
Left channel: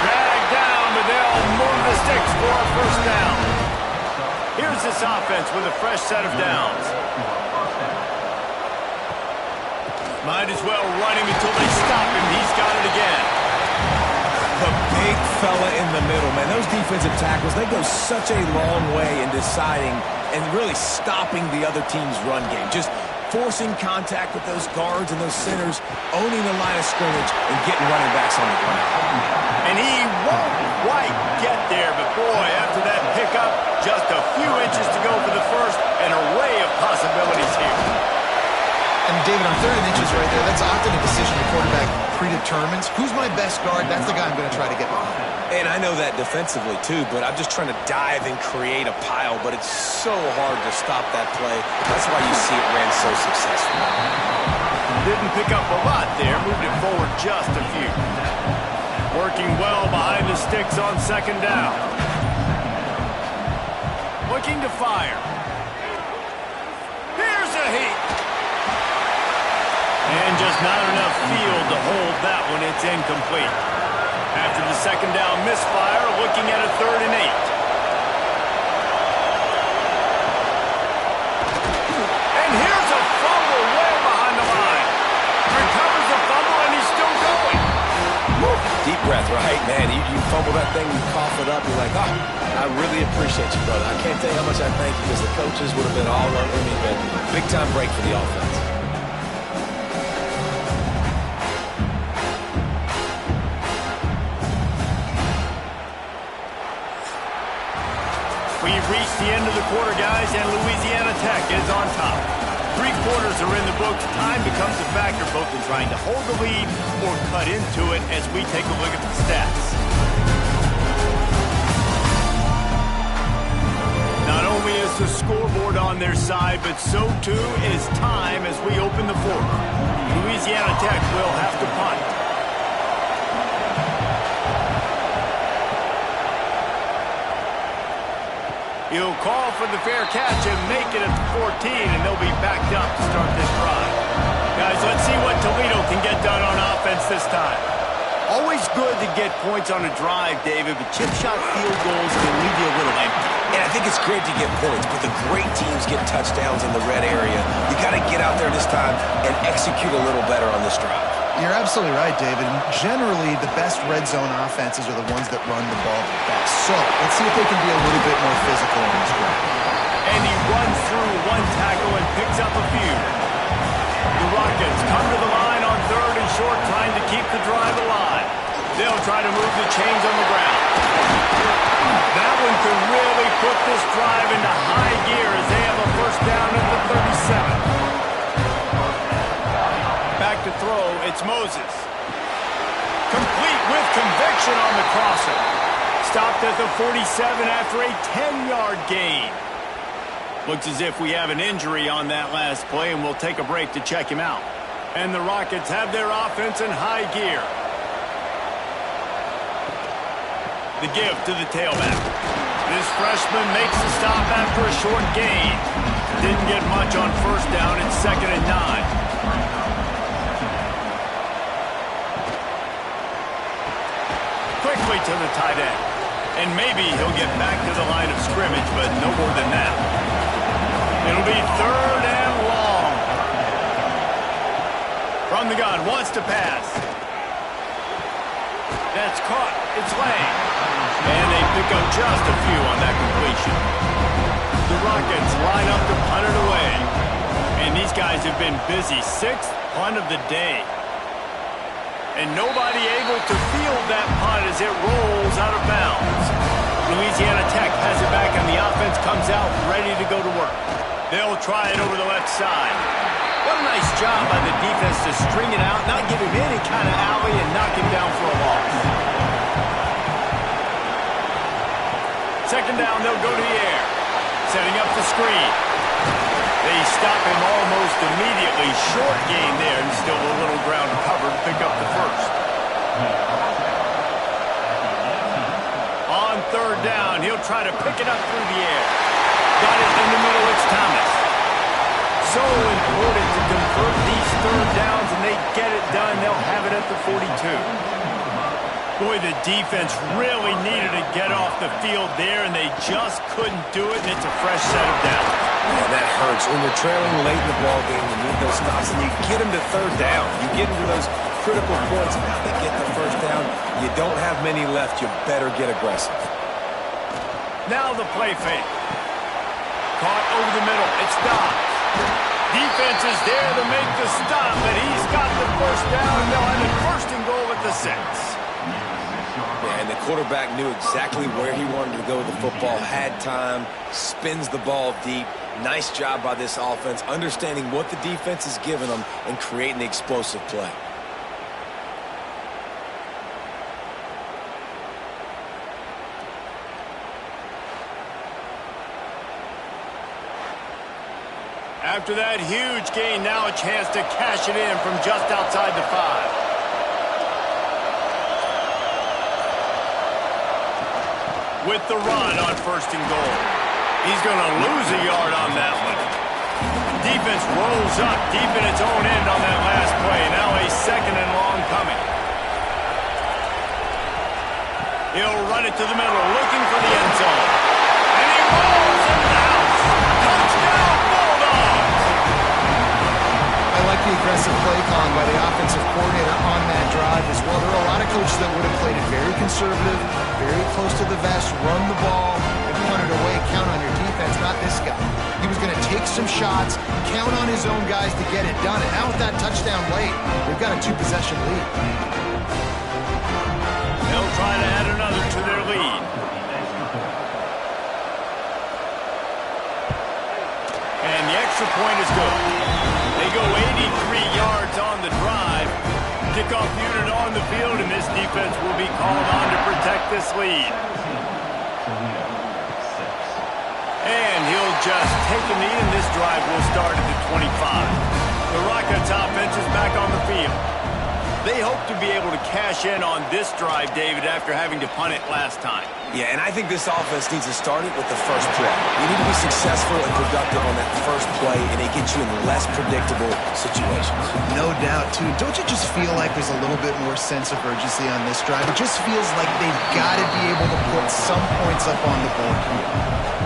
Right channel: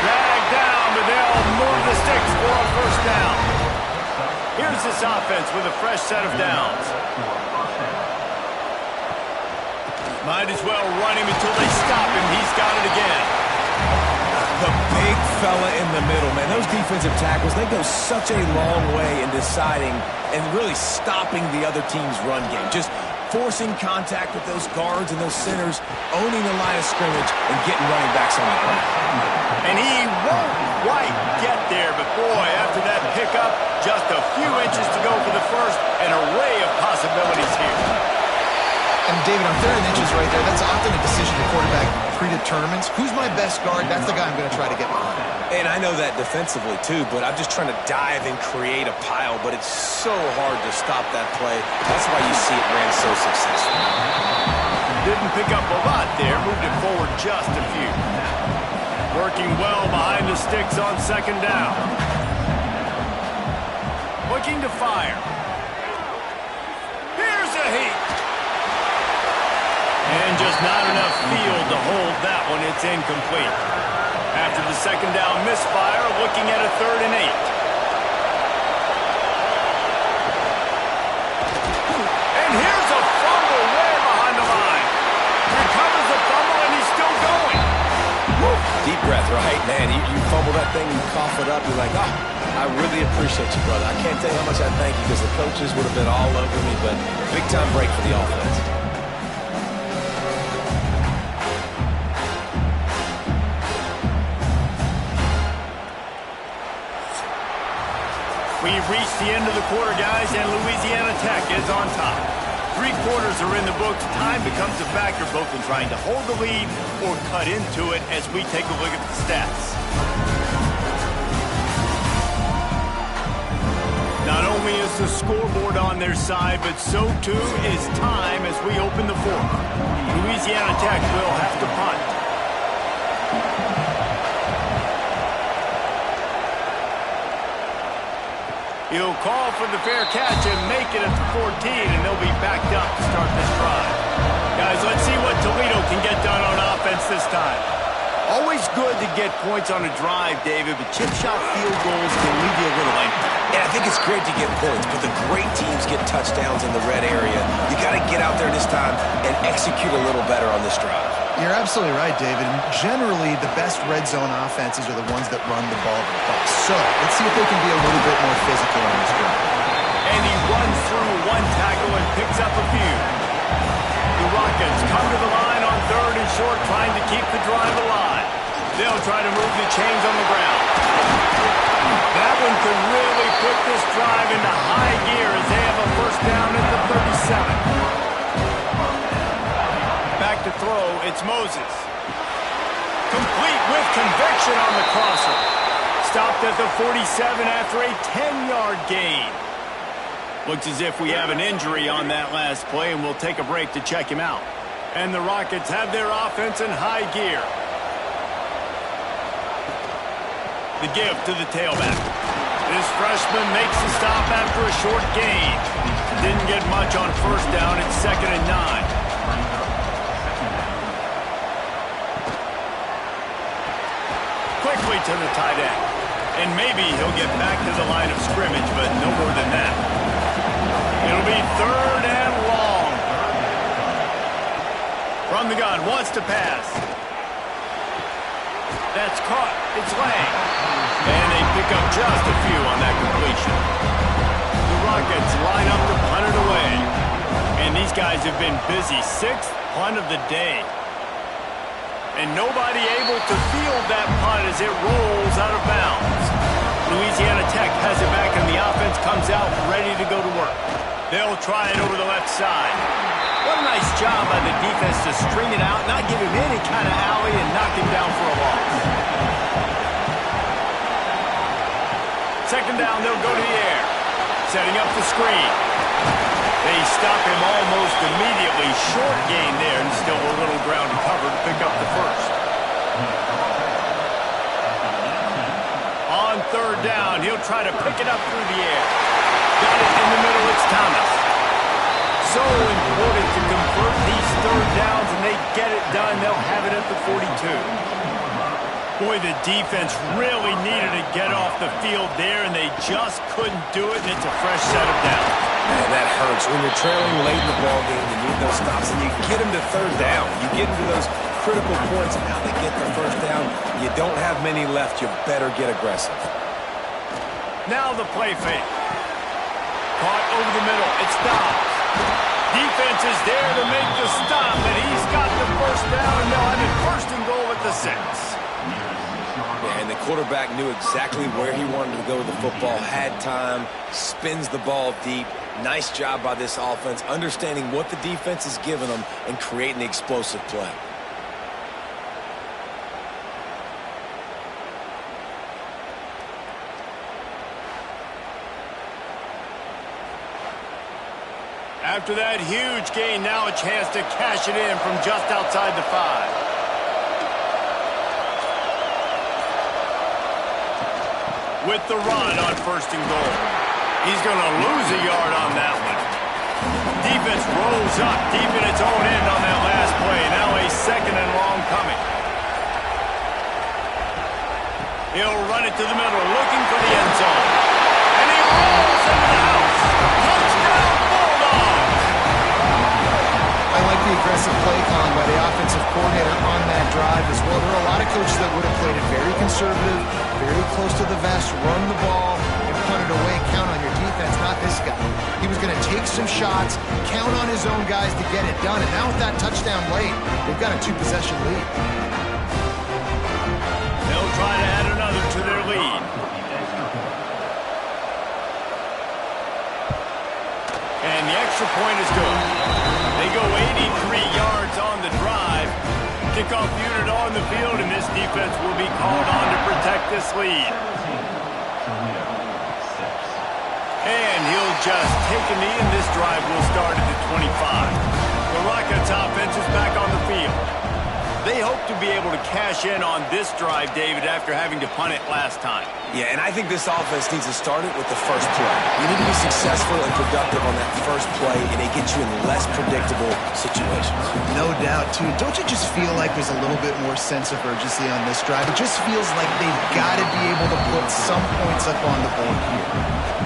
Dragged down, but they'll move the sticks for a 1st down. Here's this offense with a fresh set of downs. Might as well run him until they stop him. He's got it again. The big fella in the middle, man. Those defensive tackles, they go such a long way in deciding and really stopping the other team's run game. Just forcing contact with those guards and those centers, owning the line of scrimmage, and getting running backs on the ground. And he won't quite get there, but boy, after that pickup, just a few inches to go for the 1st, an array of possibilities here. And David, on 3rd and inches right there, that's often a decision the quarterback predetermines. Who's my best guard? That's the guy I'm going to try to get behind. And I know that defensively, too, but I'm just trying to dive and create a pile, but it's so hard to stop that play. That's why you see it ran so successfully. Didn't pick up a lot there, moved it forward just a few. Working well behind the sticks on 2nd down. Looking to fire. Here's a heat. And just not enough field to hold that one. It's incomplete. After the 2nd down misfire, looking at a 3rd and 8. And here's a fumble way behind the line. Recovers the fumble, and he's still going. Woo. Deep breath, right? Man, you fumble that thing, you cough it up, you're like, oh, I really appreciate you, brother. I can't tell you how much I thank you because the coaches would have been all over me, but big-time break for the offense. We've reached the end of the quarter, guys, and Louisiana Tech is on top. 3 quarters are in the books. Time becomes a factor both in trying to hold the lead or cut into it as we take a look at the stats. Not only is the scoreboard on their side, but so too is time as we open the 4th. Louisiana Tech will have to punt. He'll call for the fair catch and make it at the 14, and they'll be backed up to start this drive. Guys, let's see what Toledo can get done on offense this time. Always good to get points on a drive, David, but chip shot field goals can leave you a little empty. And I think it's great to get points, but the great teams get touchdowns in the red area. You got to get out there this time and execute a little better on this drive. You're absolutely right, David. And generally, the best red zone offenses are the ones that run the ball the best. So let's see if they can be a little bit more physical on this drive. And he runs through one tackle and picks up a few. The Rockets come to the line on 3rd and short, trying to keep the drive alive. They'll try to move the chains on the ground. That one could really put this drive into high gear as they have a first down at the 37. Back to throw, it's Moses. Complete with conviction on the crosser. Stopped at the 47 after a 10-yard gain. Looks as if we have an injury on that last play, and we'll take a break to check him out. And the Rockets have their offense in high gear. The give to the tailback. This freshman makes the stop after a short gain. Didn't get much on first down. It's 2nd and 9. Quickly to the tight end. And maybe he'll get back to the line of scrimmage, but no more than that. It'll be 3rd and long. From the gun, wants to pass. That's caught. It's Lang. And they pick up just a few on that completion. The Rockets line up to punt it away. And these guys have been busy. 6th punt of the day. And nobody able to field that punt as it rolls out of bounds. Louisiana Tech has it back, and the offense comes out ready to go to work. They'll try it over the left side. What a nice job by the defense to string it out, not give him any kind of alley, and knock him down for a loss. 2nd down, they'll go to the air. Setting up the screen. They stop him almost immediately. Short gain there, and still a little ground to cover to pick up the first. On 3rd down, he'll try to pick it up through the air. Got it in the middle, it's Thomas. So important to convert these 3rd downs, and they get it done. They'll have it at the 42. Boy, the defense really needed to get off the field there, and they just couldn't do it, and it's a fresh set of downs. Man, that hurts. When you're trailing late in the ballgame, you need those stops, and you get them to 3rd down. You get into those critical points, and now they get the first down. You don't have many left. You better get aggressive. Now the play fake. Caught over the middle. It's Dobbs. Defense is there to make the stop, but he's got the first down, and they'll have it 1st and goal at the 6. Yeah, and the quarterback knew exactly where he wanted to go with the football, had time, spins the ball deep. Nice job by this offense, understanding what the defense is giving them and creating the explosive play. After that huge gain, now a chance to cash it in from just outside the 5. With the run on 1st and goal. He's going to lose a yard on that one. Defense rolls up deep in its own end on that last play. Now a 2nd and long coming. He'll run it to the middle, looking for the end zone. And he rolls into the house. Touchdown, Bulldogs! I like the aggressive play calling by the offensive coordinator on that drive as well. There are a lot of coaches that would have played it very conservative, very close to the vest, run the ball, and punt it away. Count on your defense, not this guy. He was going to take some shots, count on his own guys to get it done. And now with that touchdown late, they've got a 2-possession lead. They'll try to add another to their lead. And the extra point is good. They go 83 yards on the drive. Kickoff unit on the field, and this defense will be called on to protect this lead. And he'll just take a knee, and this drive will start at the 25. The Rockets offense is back on the field. They hope to be able to cash in on this drive, David, after having to punt it last time. Yeah, and I think this offense needs to start it with the first play. You need to be successful and productive on that first play, and it gets you in less predictable situations. No doubt, too. Don't you just feel like there's a little bit more sense of urgency on this drive? It just feels like they've got to be able to put some points up on the board here.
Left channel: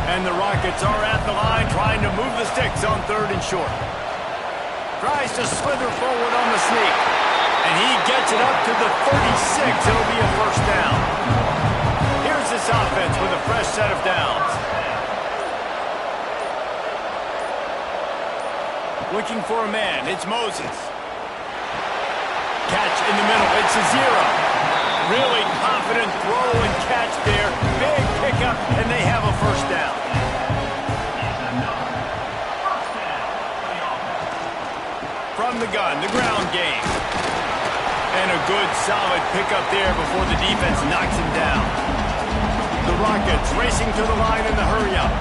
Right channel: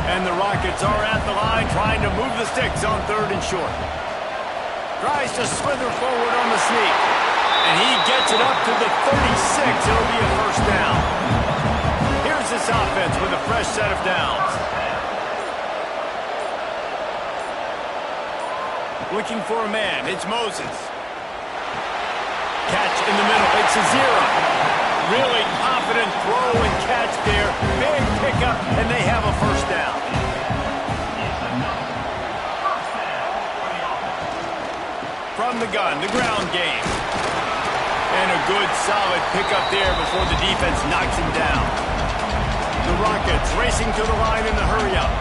And the Rockets are at the line trying to move the sticks on 3rd and short. Tries to slither forward on the sneak. And he gets it up to the 36. It'll be a first down. Here's this offense with a fresh set of downs. Looking for a man. It's Moses. Catch in the middle. It's Azira. Really confident throw and catch there. Big pickup, and they have a first down. From the gun, the ground game. And a good, solid pickup there before the defense knocks him down. The Rockets racing to the line in the hurry-up.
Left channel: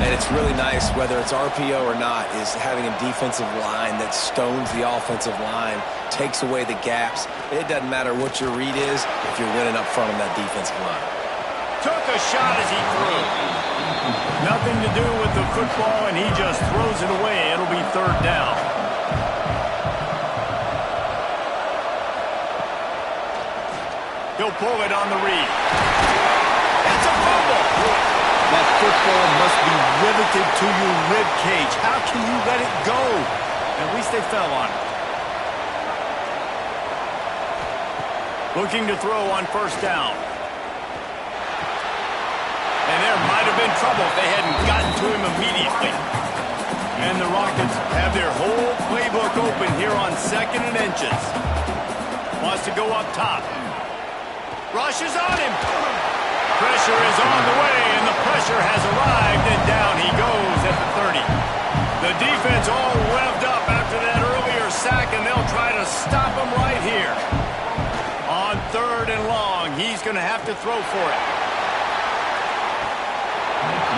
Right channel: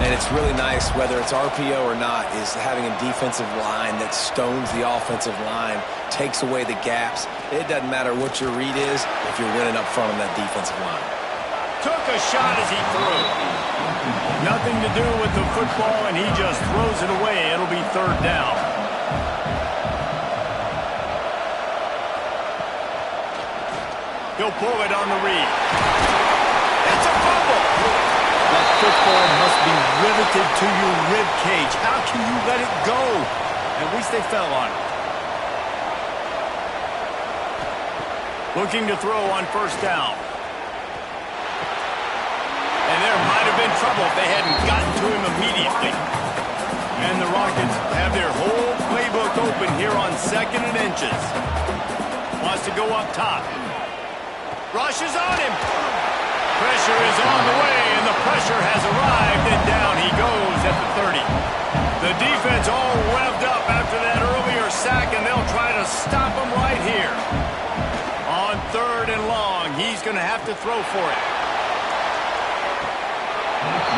And it's really nice, whether it's RPO or not, is having a defensive line that stones the offensive line, takes away the gaps. It doesn't matter what your read is if you're winning up front on that defensive line. Took a shot as he threw. Nothing to do with the football, and he just throws it away. It'll be 3rd down. He'll pull it on the read. It's a fumble. That football must be riveted to your rib cage. How can you let it go? At least they fell on it. Looking to throw on 1st down. And there might have been trouble if they hadn't gotten to him immediately. And the Rockets have their whole playbook open here on 2nd and inches. Wants to go up top. Rushes on him. Pressure is on the way, and the pressure has arrived, and down he goes at the 30. The defense all revved up after that earlier sack, and they'll try to stop him right here. On 3rd and long, he's going to have to throw for it.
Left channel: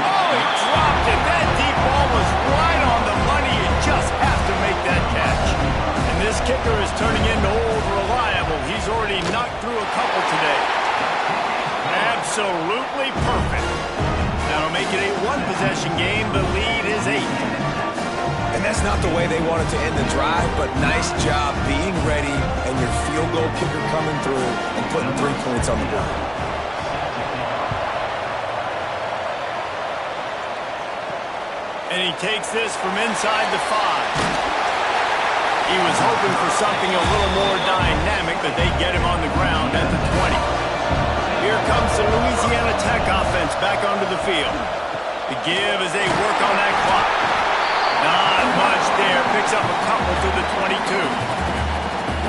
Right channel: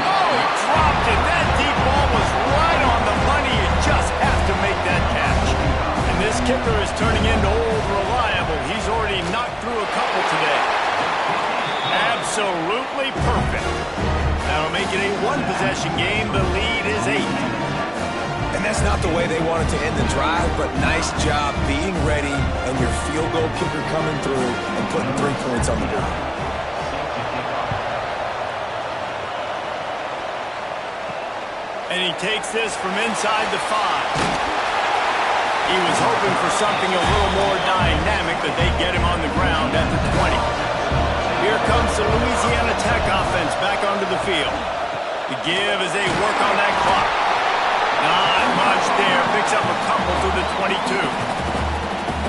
Oh, he dropped it. That deep ball was right on the money. You just have to make that catch. And this kicker is turning into old reliable. He's already knocked through a couple today. Absolutely perfect. That'll make it a 1-possession game. The lead is 8. And that's not the way they wanted to end the drive, but nice job being ready and your field goal kicker coming through and putting 3 points on the board. And he takes this from inside the 5. He was hoping for something a little more dynamic, but they get him on the ground at the 20. Here comes the Louisiana Tech offense back onto the field. The give as they work on that clock. Not much there. Picks up a couple to the 22.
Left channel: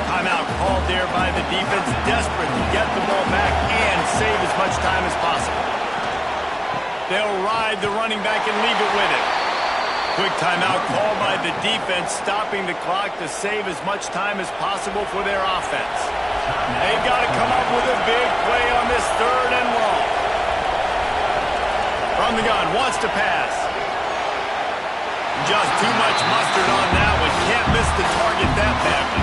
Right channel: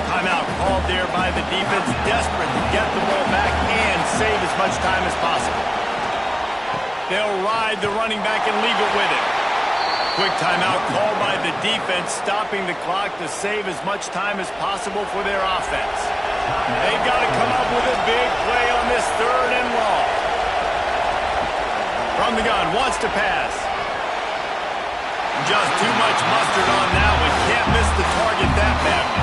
Timeout called there by the defense, desperate to get the ball back and save as much time as possible. They'll ride the running back and leave it with him. Quick timeout called by the defense, stopping the clock to save as much time as possible for their offense. They've got to come up with a big play on this 3rd and long. From the gun, wants to pass. Just too much mustard on that one. Can't miss the target that badly.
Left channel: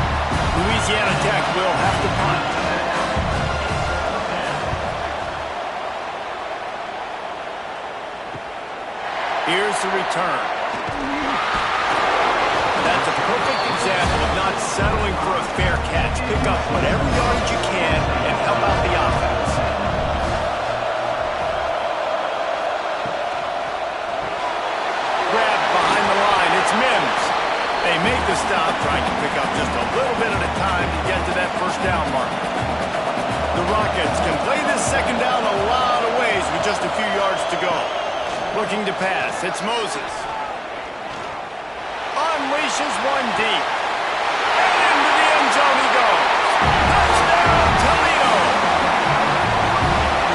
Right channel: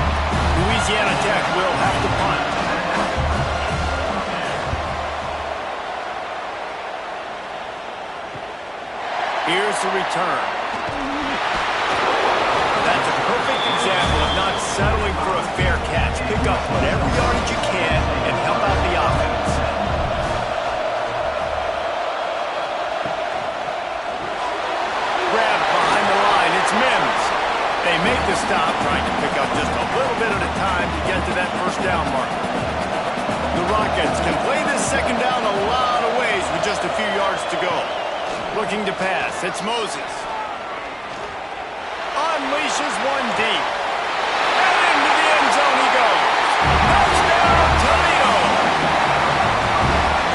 Louisiana Tech will have to punt. Here's the return. That's a perfect example of not settling for a fair catch. Pick up whatever yardage you can and help out the offense. Grab behind the line. It's Mims. They make the stop, trying to pick up just a little bit at a time to get to that 1st down marker. The Rockets can play this 2nd down a lot of ways with just a few yards to go. Looking to pass. It's Moses. Unleashes one deep. And into the end zone he goes. Touchdown, Toledo!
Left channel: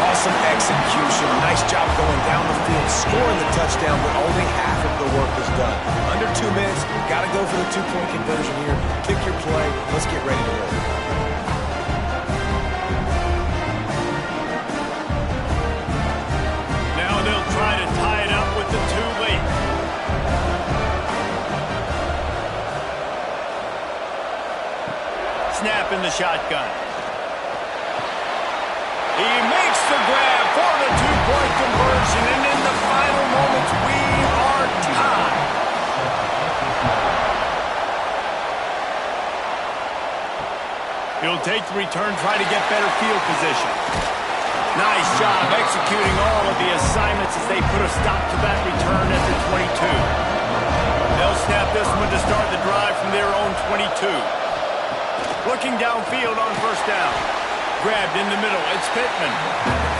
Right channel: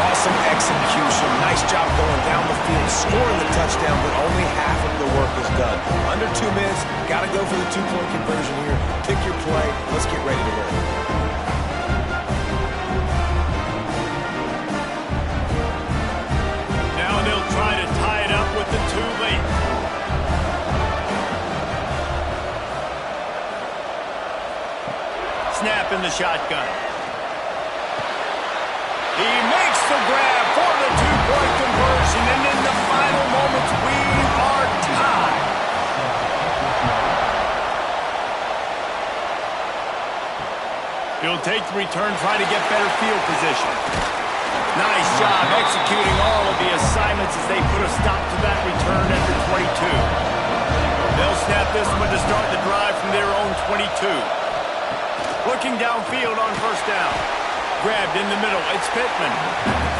Awesome execution. Nice job going down the field, scoring the touchdown, but only half of the work is done. Under 2 minutes, got to go for the 2-point conversion here. Pick your play. Let's get ready to roll. Now they'll try to tie it up with the 2 late. Snap in the shotgun. He makes the grab for the two-point conversion, and in the final moments, we are tied. He'll take the return, try to get better field position. Nice job executing all of the assignments as they put a stop to that return at the 22. They'll snap this one to start the drive from their own 22. Looking downfield on first down. Grabbed in the middle. It's Pittman.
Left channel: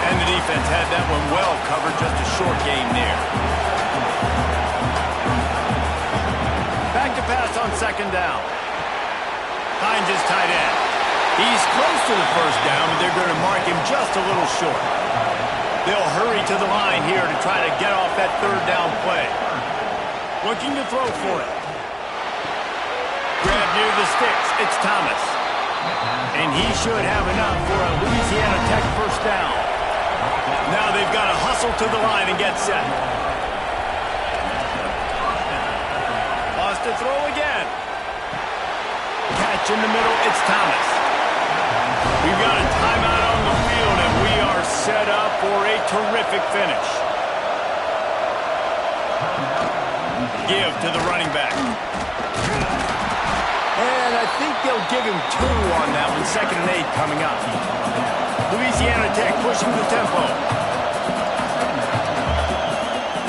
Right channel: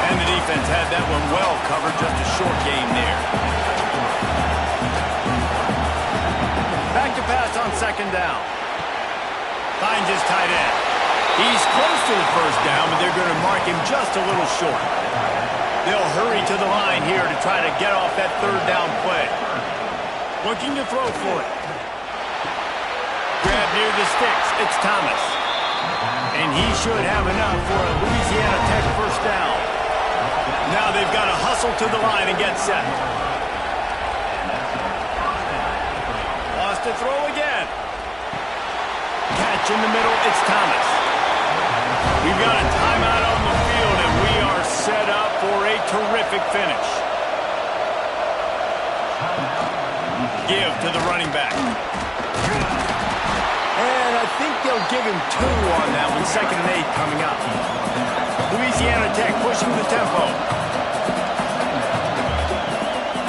And the defense had that one well covered. Just a short game there. Back to pass on second down. Finds his tight end. He's close to the first down, but they're going to mark him just a little short. They'll hurry to the line here to try to get off that third down play. Looking to throw for it. Grab near the sticks. It's Thomas. And he should have enough for a Louisiana Tech first down. Now they've got to hustle to the line and get set. Lost to throw again. Catch in the middle. It's Thomas. We've got a timeout on the field, and we are set up for a terrific finish. Give to the running back. And I think they'll give him 2 on that one. 2nd and 8 coming up. Louisiana Tech pushing the tempo.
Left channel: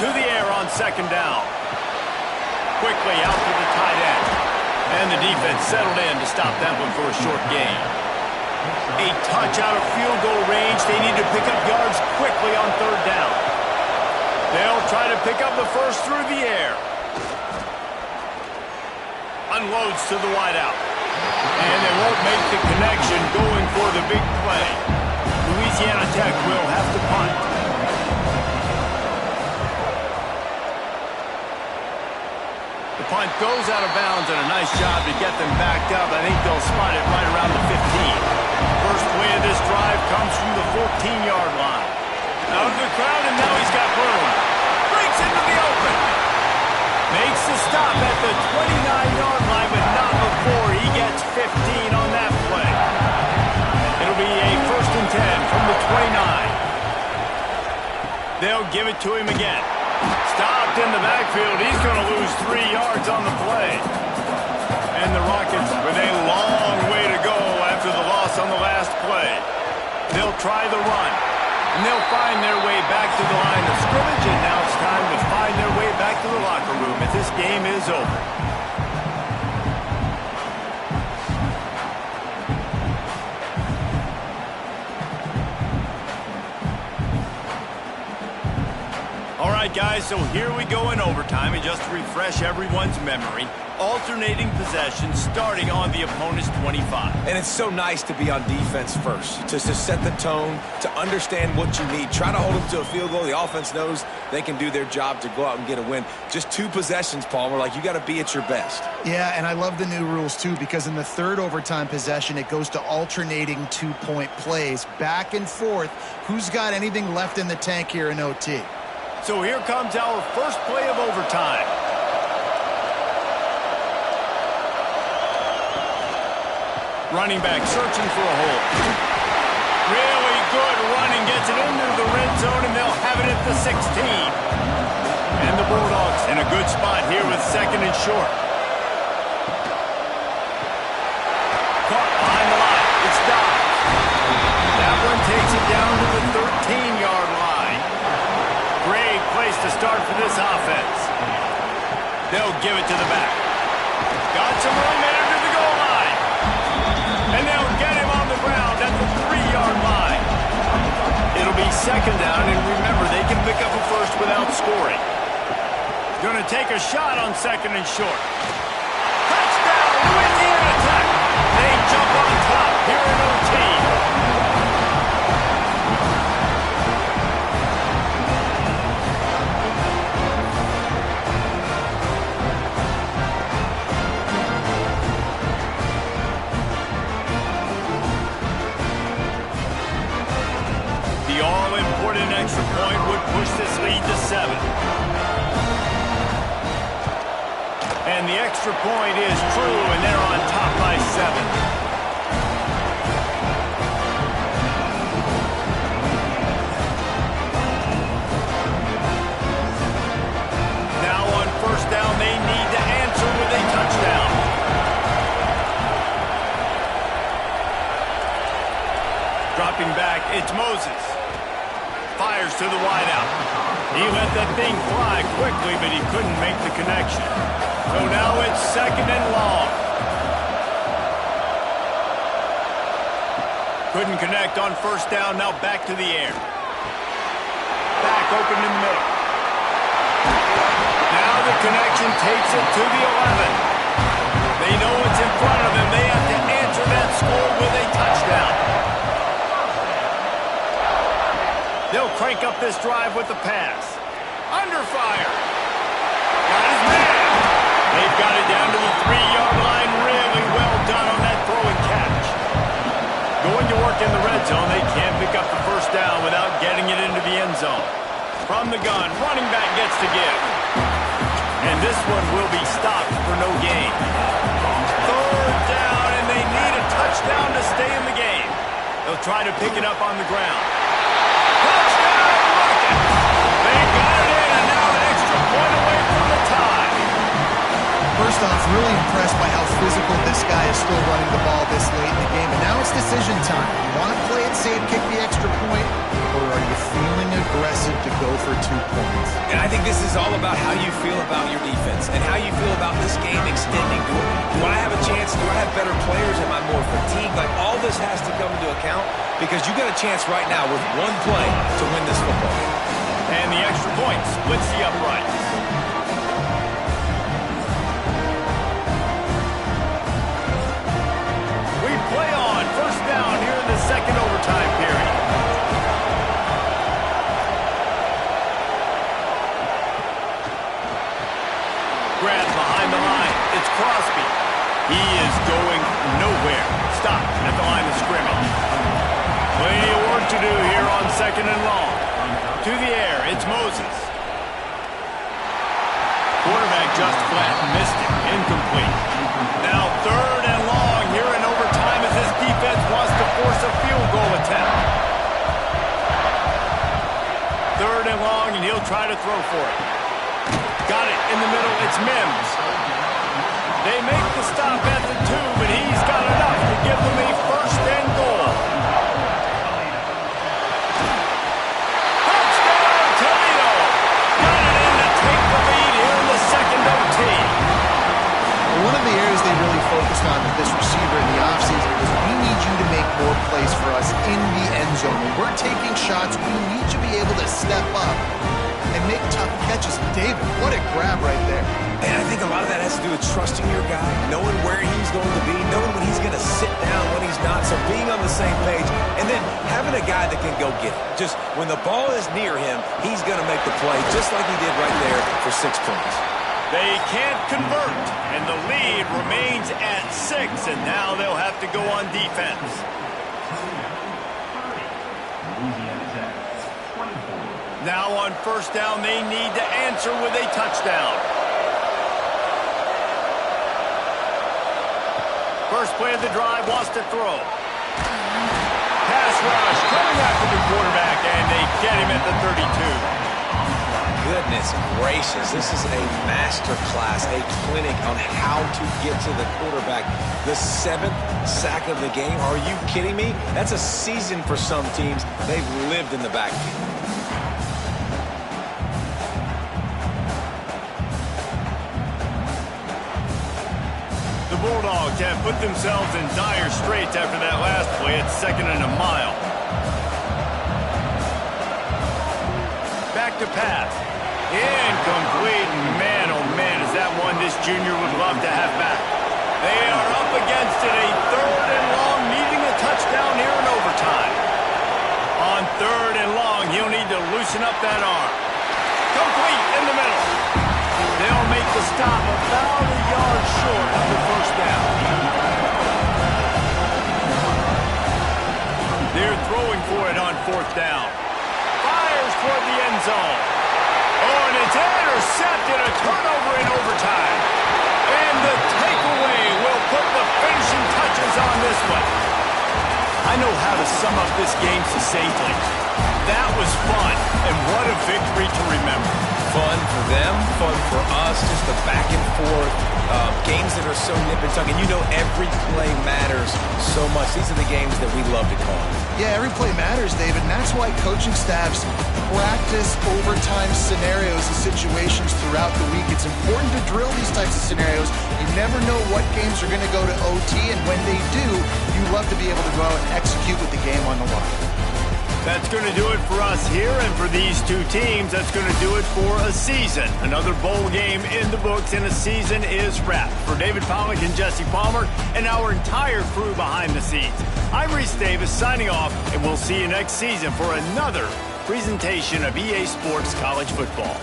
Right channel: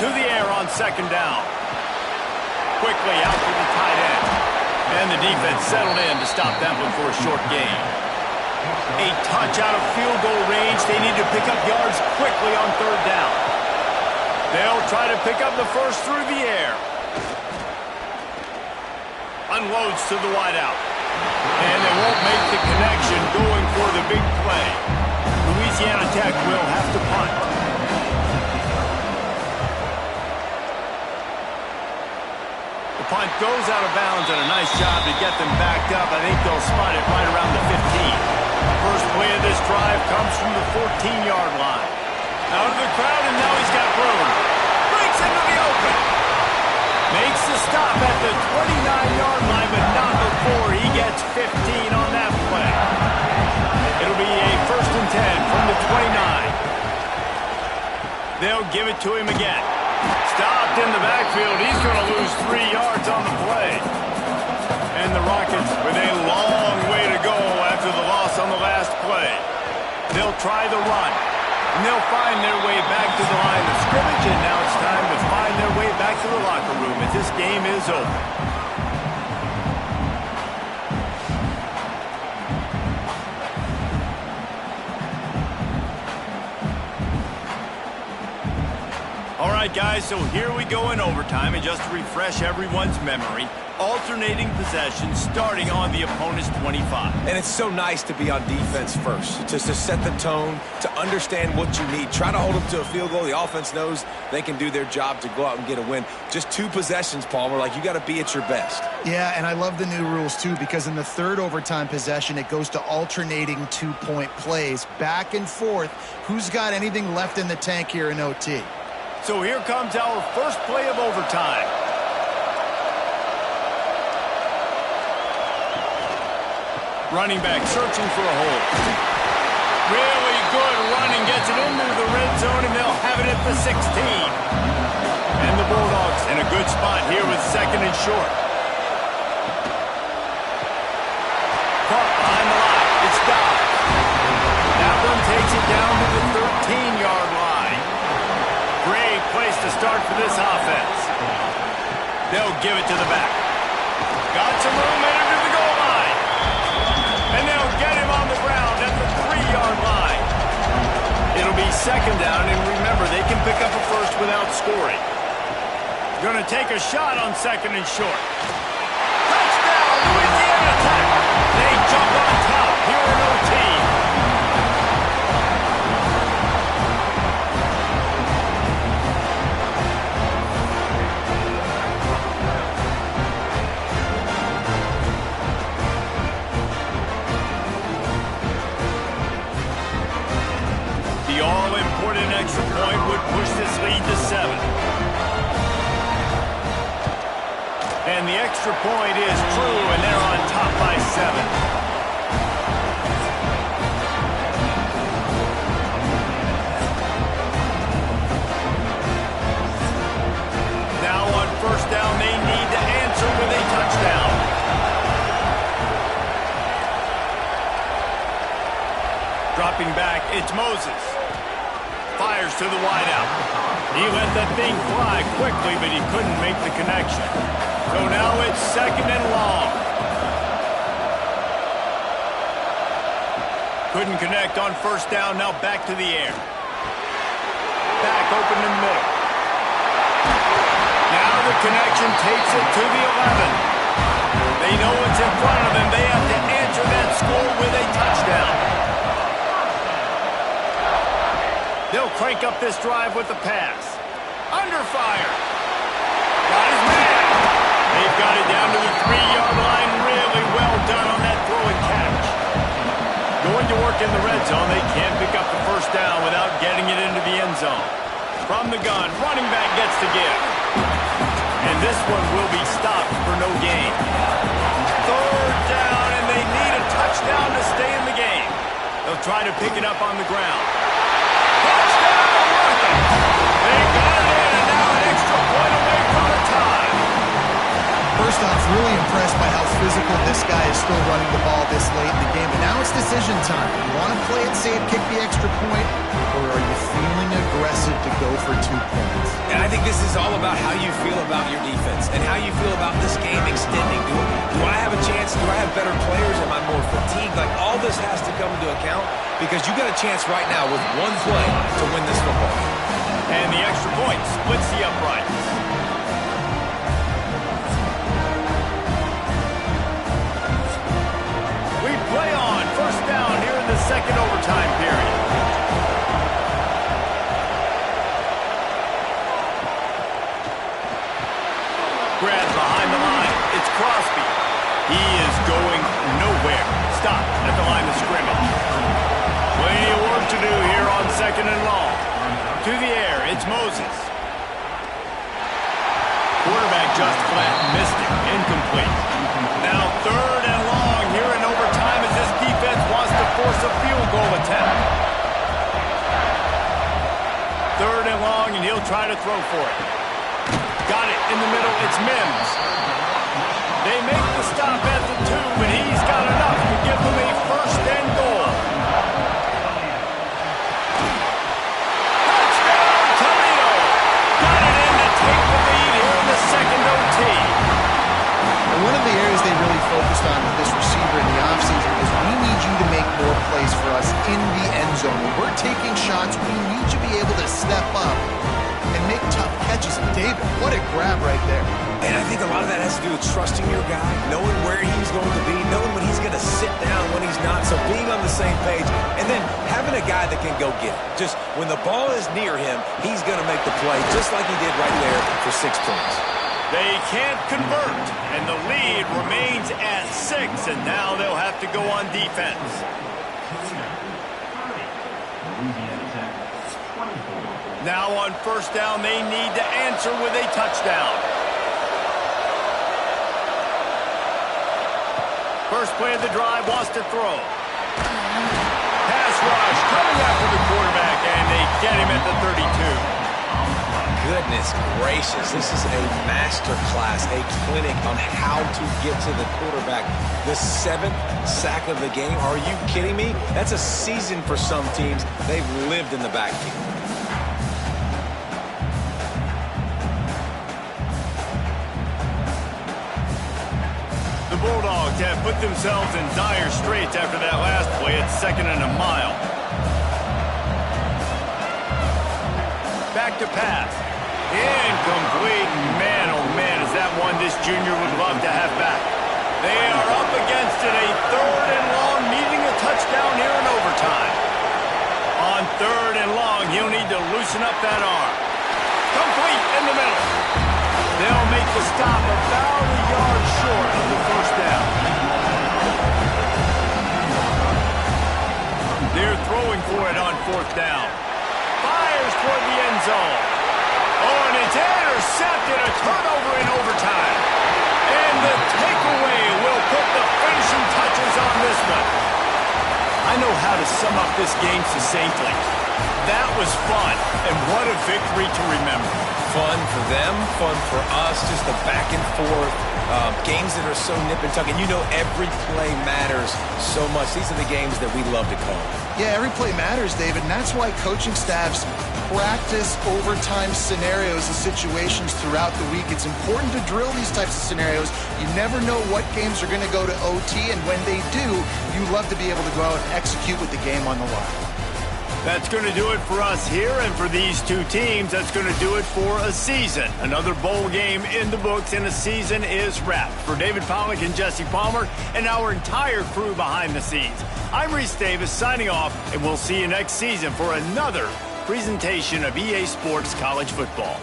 To the air on second down. Quickly out to the tight end. And the defense settled in to stop that one for a short gain. A touch out of field goal range. They need to pick up yards quickly on third down. They'll try to pick up the first through the air. Unloads to the wideout. And they won't make the connection going for the big play. Louisiana Tech will have to punt. The punt goes out of bounds, and a nice job to get them backed up. I think they'll spot it right around the 15. First play of this drive comes from the 14-yard line. Out of the crowd, and now he's got room. Breaks into the open. Makes the stop at the 29-yard line, but not before he gets 15 on that play. It'll be a 1st and 10 from the 29. They'll give it to him again. Stopped in the backfield. He's going to lose 3 yards on the play. And the Rockets with a long way to go after the loss on the last play. They'll try the run. And they'll find their way back to the line of scrimmage, and now it's time to find their way back to the locker room as this game is over. All right, guys, so here we go in overtime, and just to refresh everyone's memory, alternating possession starting on the opponent's 25. And it's so nice to be on defense first, just to set the tone, to understand what you need. Try to hold them to a field goal. The offense knows they can do their job to go out and get a win. Just 2 possessions, Palmer, like you got to be at your best. Yeah, and I love the new rules, too, because in the third overtime possession, it goes to alternating 2-point plays, back and forth. Who's got anything left in the tank here in OT? So here comes our first play of overtime. Running back searching for a hole. Really good running, gets it into the red zone, and they'll have it at the 16. And the Bulldogs in a good spot here with 2nd and short. Caught behind the line. It's Dobbs. That one takes it down to the 13-yard line. Great place to start for this offense. They'll give it to the back. Got some room headed to the goal line. And they'll get him on the ground at the 3-yard line. It'll be 2nd down, and remember, they can pick up a first without scoring. Going to take a shot on 2nd and short. Touchdown, Louisiana Tech. They jump on top here in OT. The all-important extra point would push this lead to 7. And the extra point is true, and they're on top by 7. Dropping back, it's Moses. Fires to the wideout. He let that thing fly quickly, but he couldn't make the connection. So now it's 2nd and long. Couldn't connect on 1st down, now back to the air. Back open in the middle. Now the connection takes it to the 11. They know what's in front of them. They have to answer that score with a touchdown. They'll crank up this drive with the pass. Under fire. Got his man. They've got it down to the 3-yard line. Really well done on that throw and catch. Going to work in the red zone. They can't pick up the 1st down without getting it into the end zone. From the gun, running back gets to give. And this one will be stopped for no gain. 3rd down, and they need a touchdown to stay in the game. They'll try to pick it up on the ground. Touchdown, Rocket! They got it in, and now an extra point away from the tie. First off, really impressed by how physical this guy is still running the ball this late in the game. And now it's decision time. You want to play it safe, kick the extra point, or are you feeling aggressive to go for 2 points? And I think this is all about how you feel about your defense and how you feel about this game extending. Do I have a chance? Do I have better players? Am I more fatigued? Like, all this has to come into account because you got a chance right now with one play to win this football game. And the extra point splits the uprights. We play on 1st down here in the 2nd overtime period. Grab behind the line. It's Crosby. He is going nowhere. Stop at the line of scrimmage. Plenty of work to do here on 2nd and long. To the air, it's Moses. Quarterback just flat missed it. Incomplete. Now 3rd and long here in overtime as this defense wants to force a field goal attempt. 3rd and long, and he'll try to throw for it. Got it in the middle. It's Mims. They make the stop at the 2, but he's got enough to give them a 1st and goal. Touchdown, Toledo. Got it in to take the lead here in the 2nd OT. One of the areas they really focused on with this receiver in the offseason was we need you to make more plays for us in the end zone. When we're taking shots, we need you to be able to step up and make tough catches. And David, what a grab right there. And I think a lot of that has to do with trusting your guy, knowing where he's going to be, knowing when he's going to sit down, when he's not, so being on the same page, and then having a guy that can go get it. Just when the ball is near him, he's going to make the play, just like he did right there for 6 points. They can't convert, and the lead remains at 6, and now they'll have to go on defense. Now on 1st down, they need to answer with a touchdown. First play of the drive, wants to throw. Pass rush coming after the quarterback, and they get him at the 32. Goodness gracious, this is a master class, a clinic on how to get to the quarterback. The 7th sack of the game. Are you kidding me? That's a season for some teams. They've lived in the backfield. The Bulldogs have put themselves in dire straits after that last play. It's 2nd and a mile. Back to pass. Incomplete. Man, oh man, is that one this junior would love to have back. They are up against it. A 3rd and long, needing a touchdown here in overtime. On 3rd and long, he'll need to loosen up that arm. Complete in the middle. They'll make the stop about a yard short of the 1st down. They're throwing for it on 4th down. Fires toward the end zone. Oh, and it's intercepted. A turnover in overtime. And the takeaway will put the finishing touches on this one. I know how to sum up this game succinctly. That was fun, and what a victory to remember. Fun for them, fun for us, just the back and forth, Games that are so nip and tuck, and you know every play matters so much. These are the games that we love to call. Yeah, every play matters, David, and that's why coaching staffs practice overtime scenarios and situations throughout the week. It's important to drill these types of scenarios. You never know what games are going to go to OT, and when they do, you love to be able to go out and execute with the game on the line. That's going to do it for us here, and for these two teams, that's going to do it for a season. Another bowl game in the books, and a season is wrapped. For David Pollack and Jesse Palmer and our entire crew behind the scenes, I'm Reese Davis signing off, and we'll see you next season for another presentation of EA Sports College Football.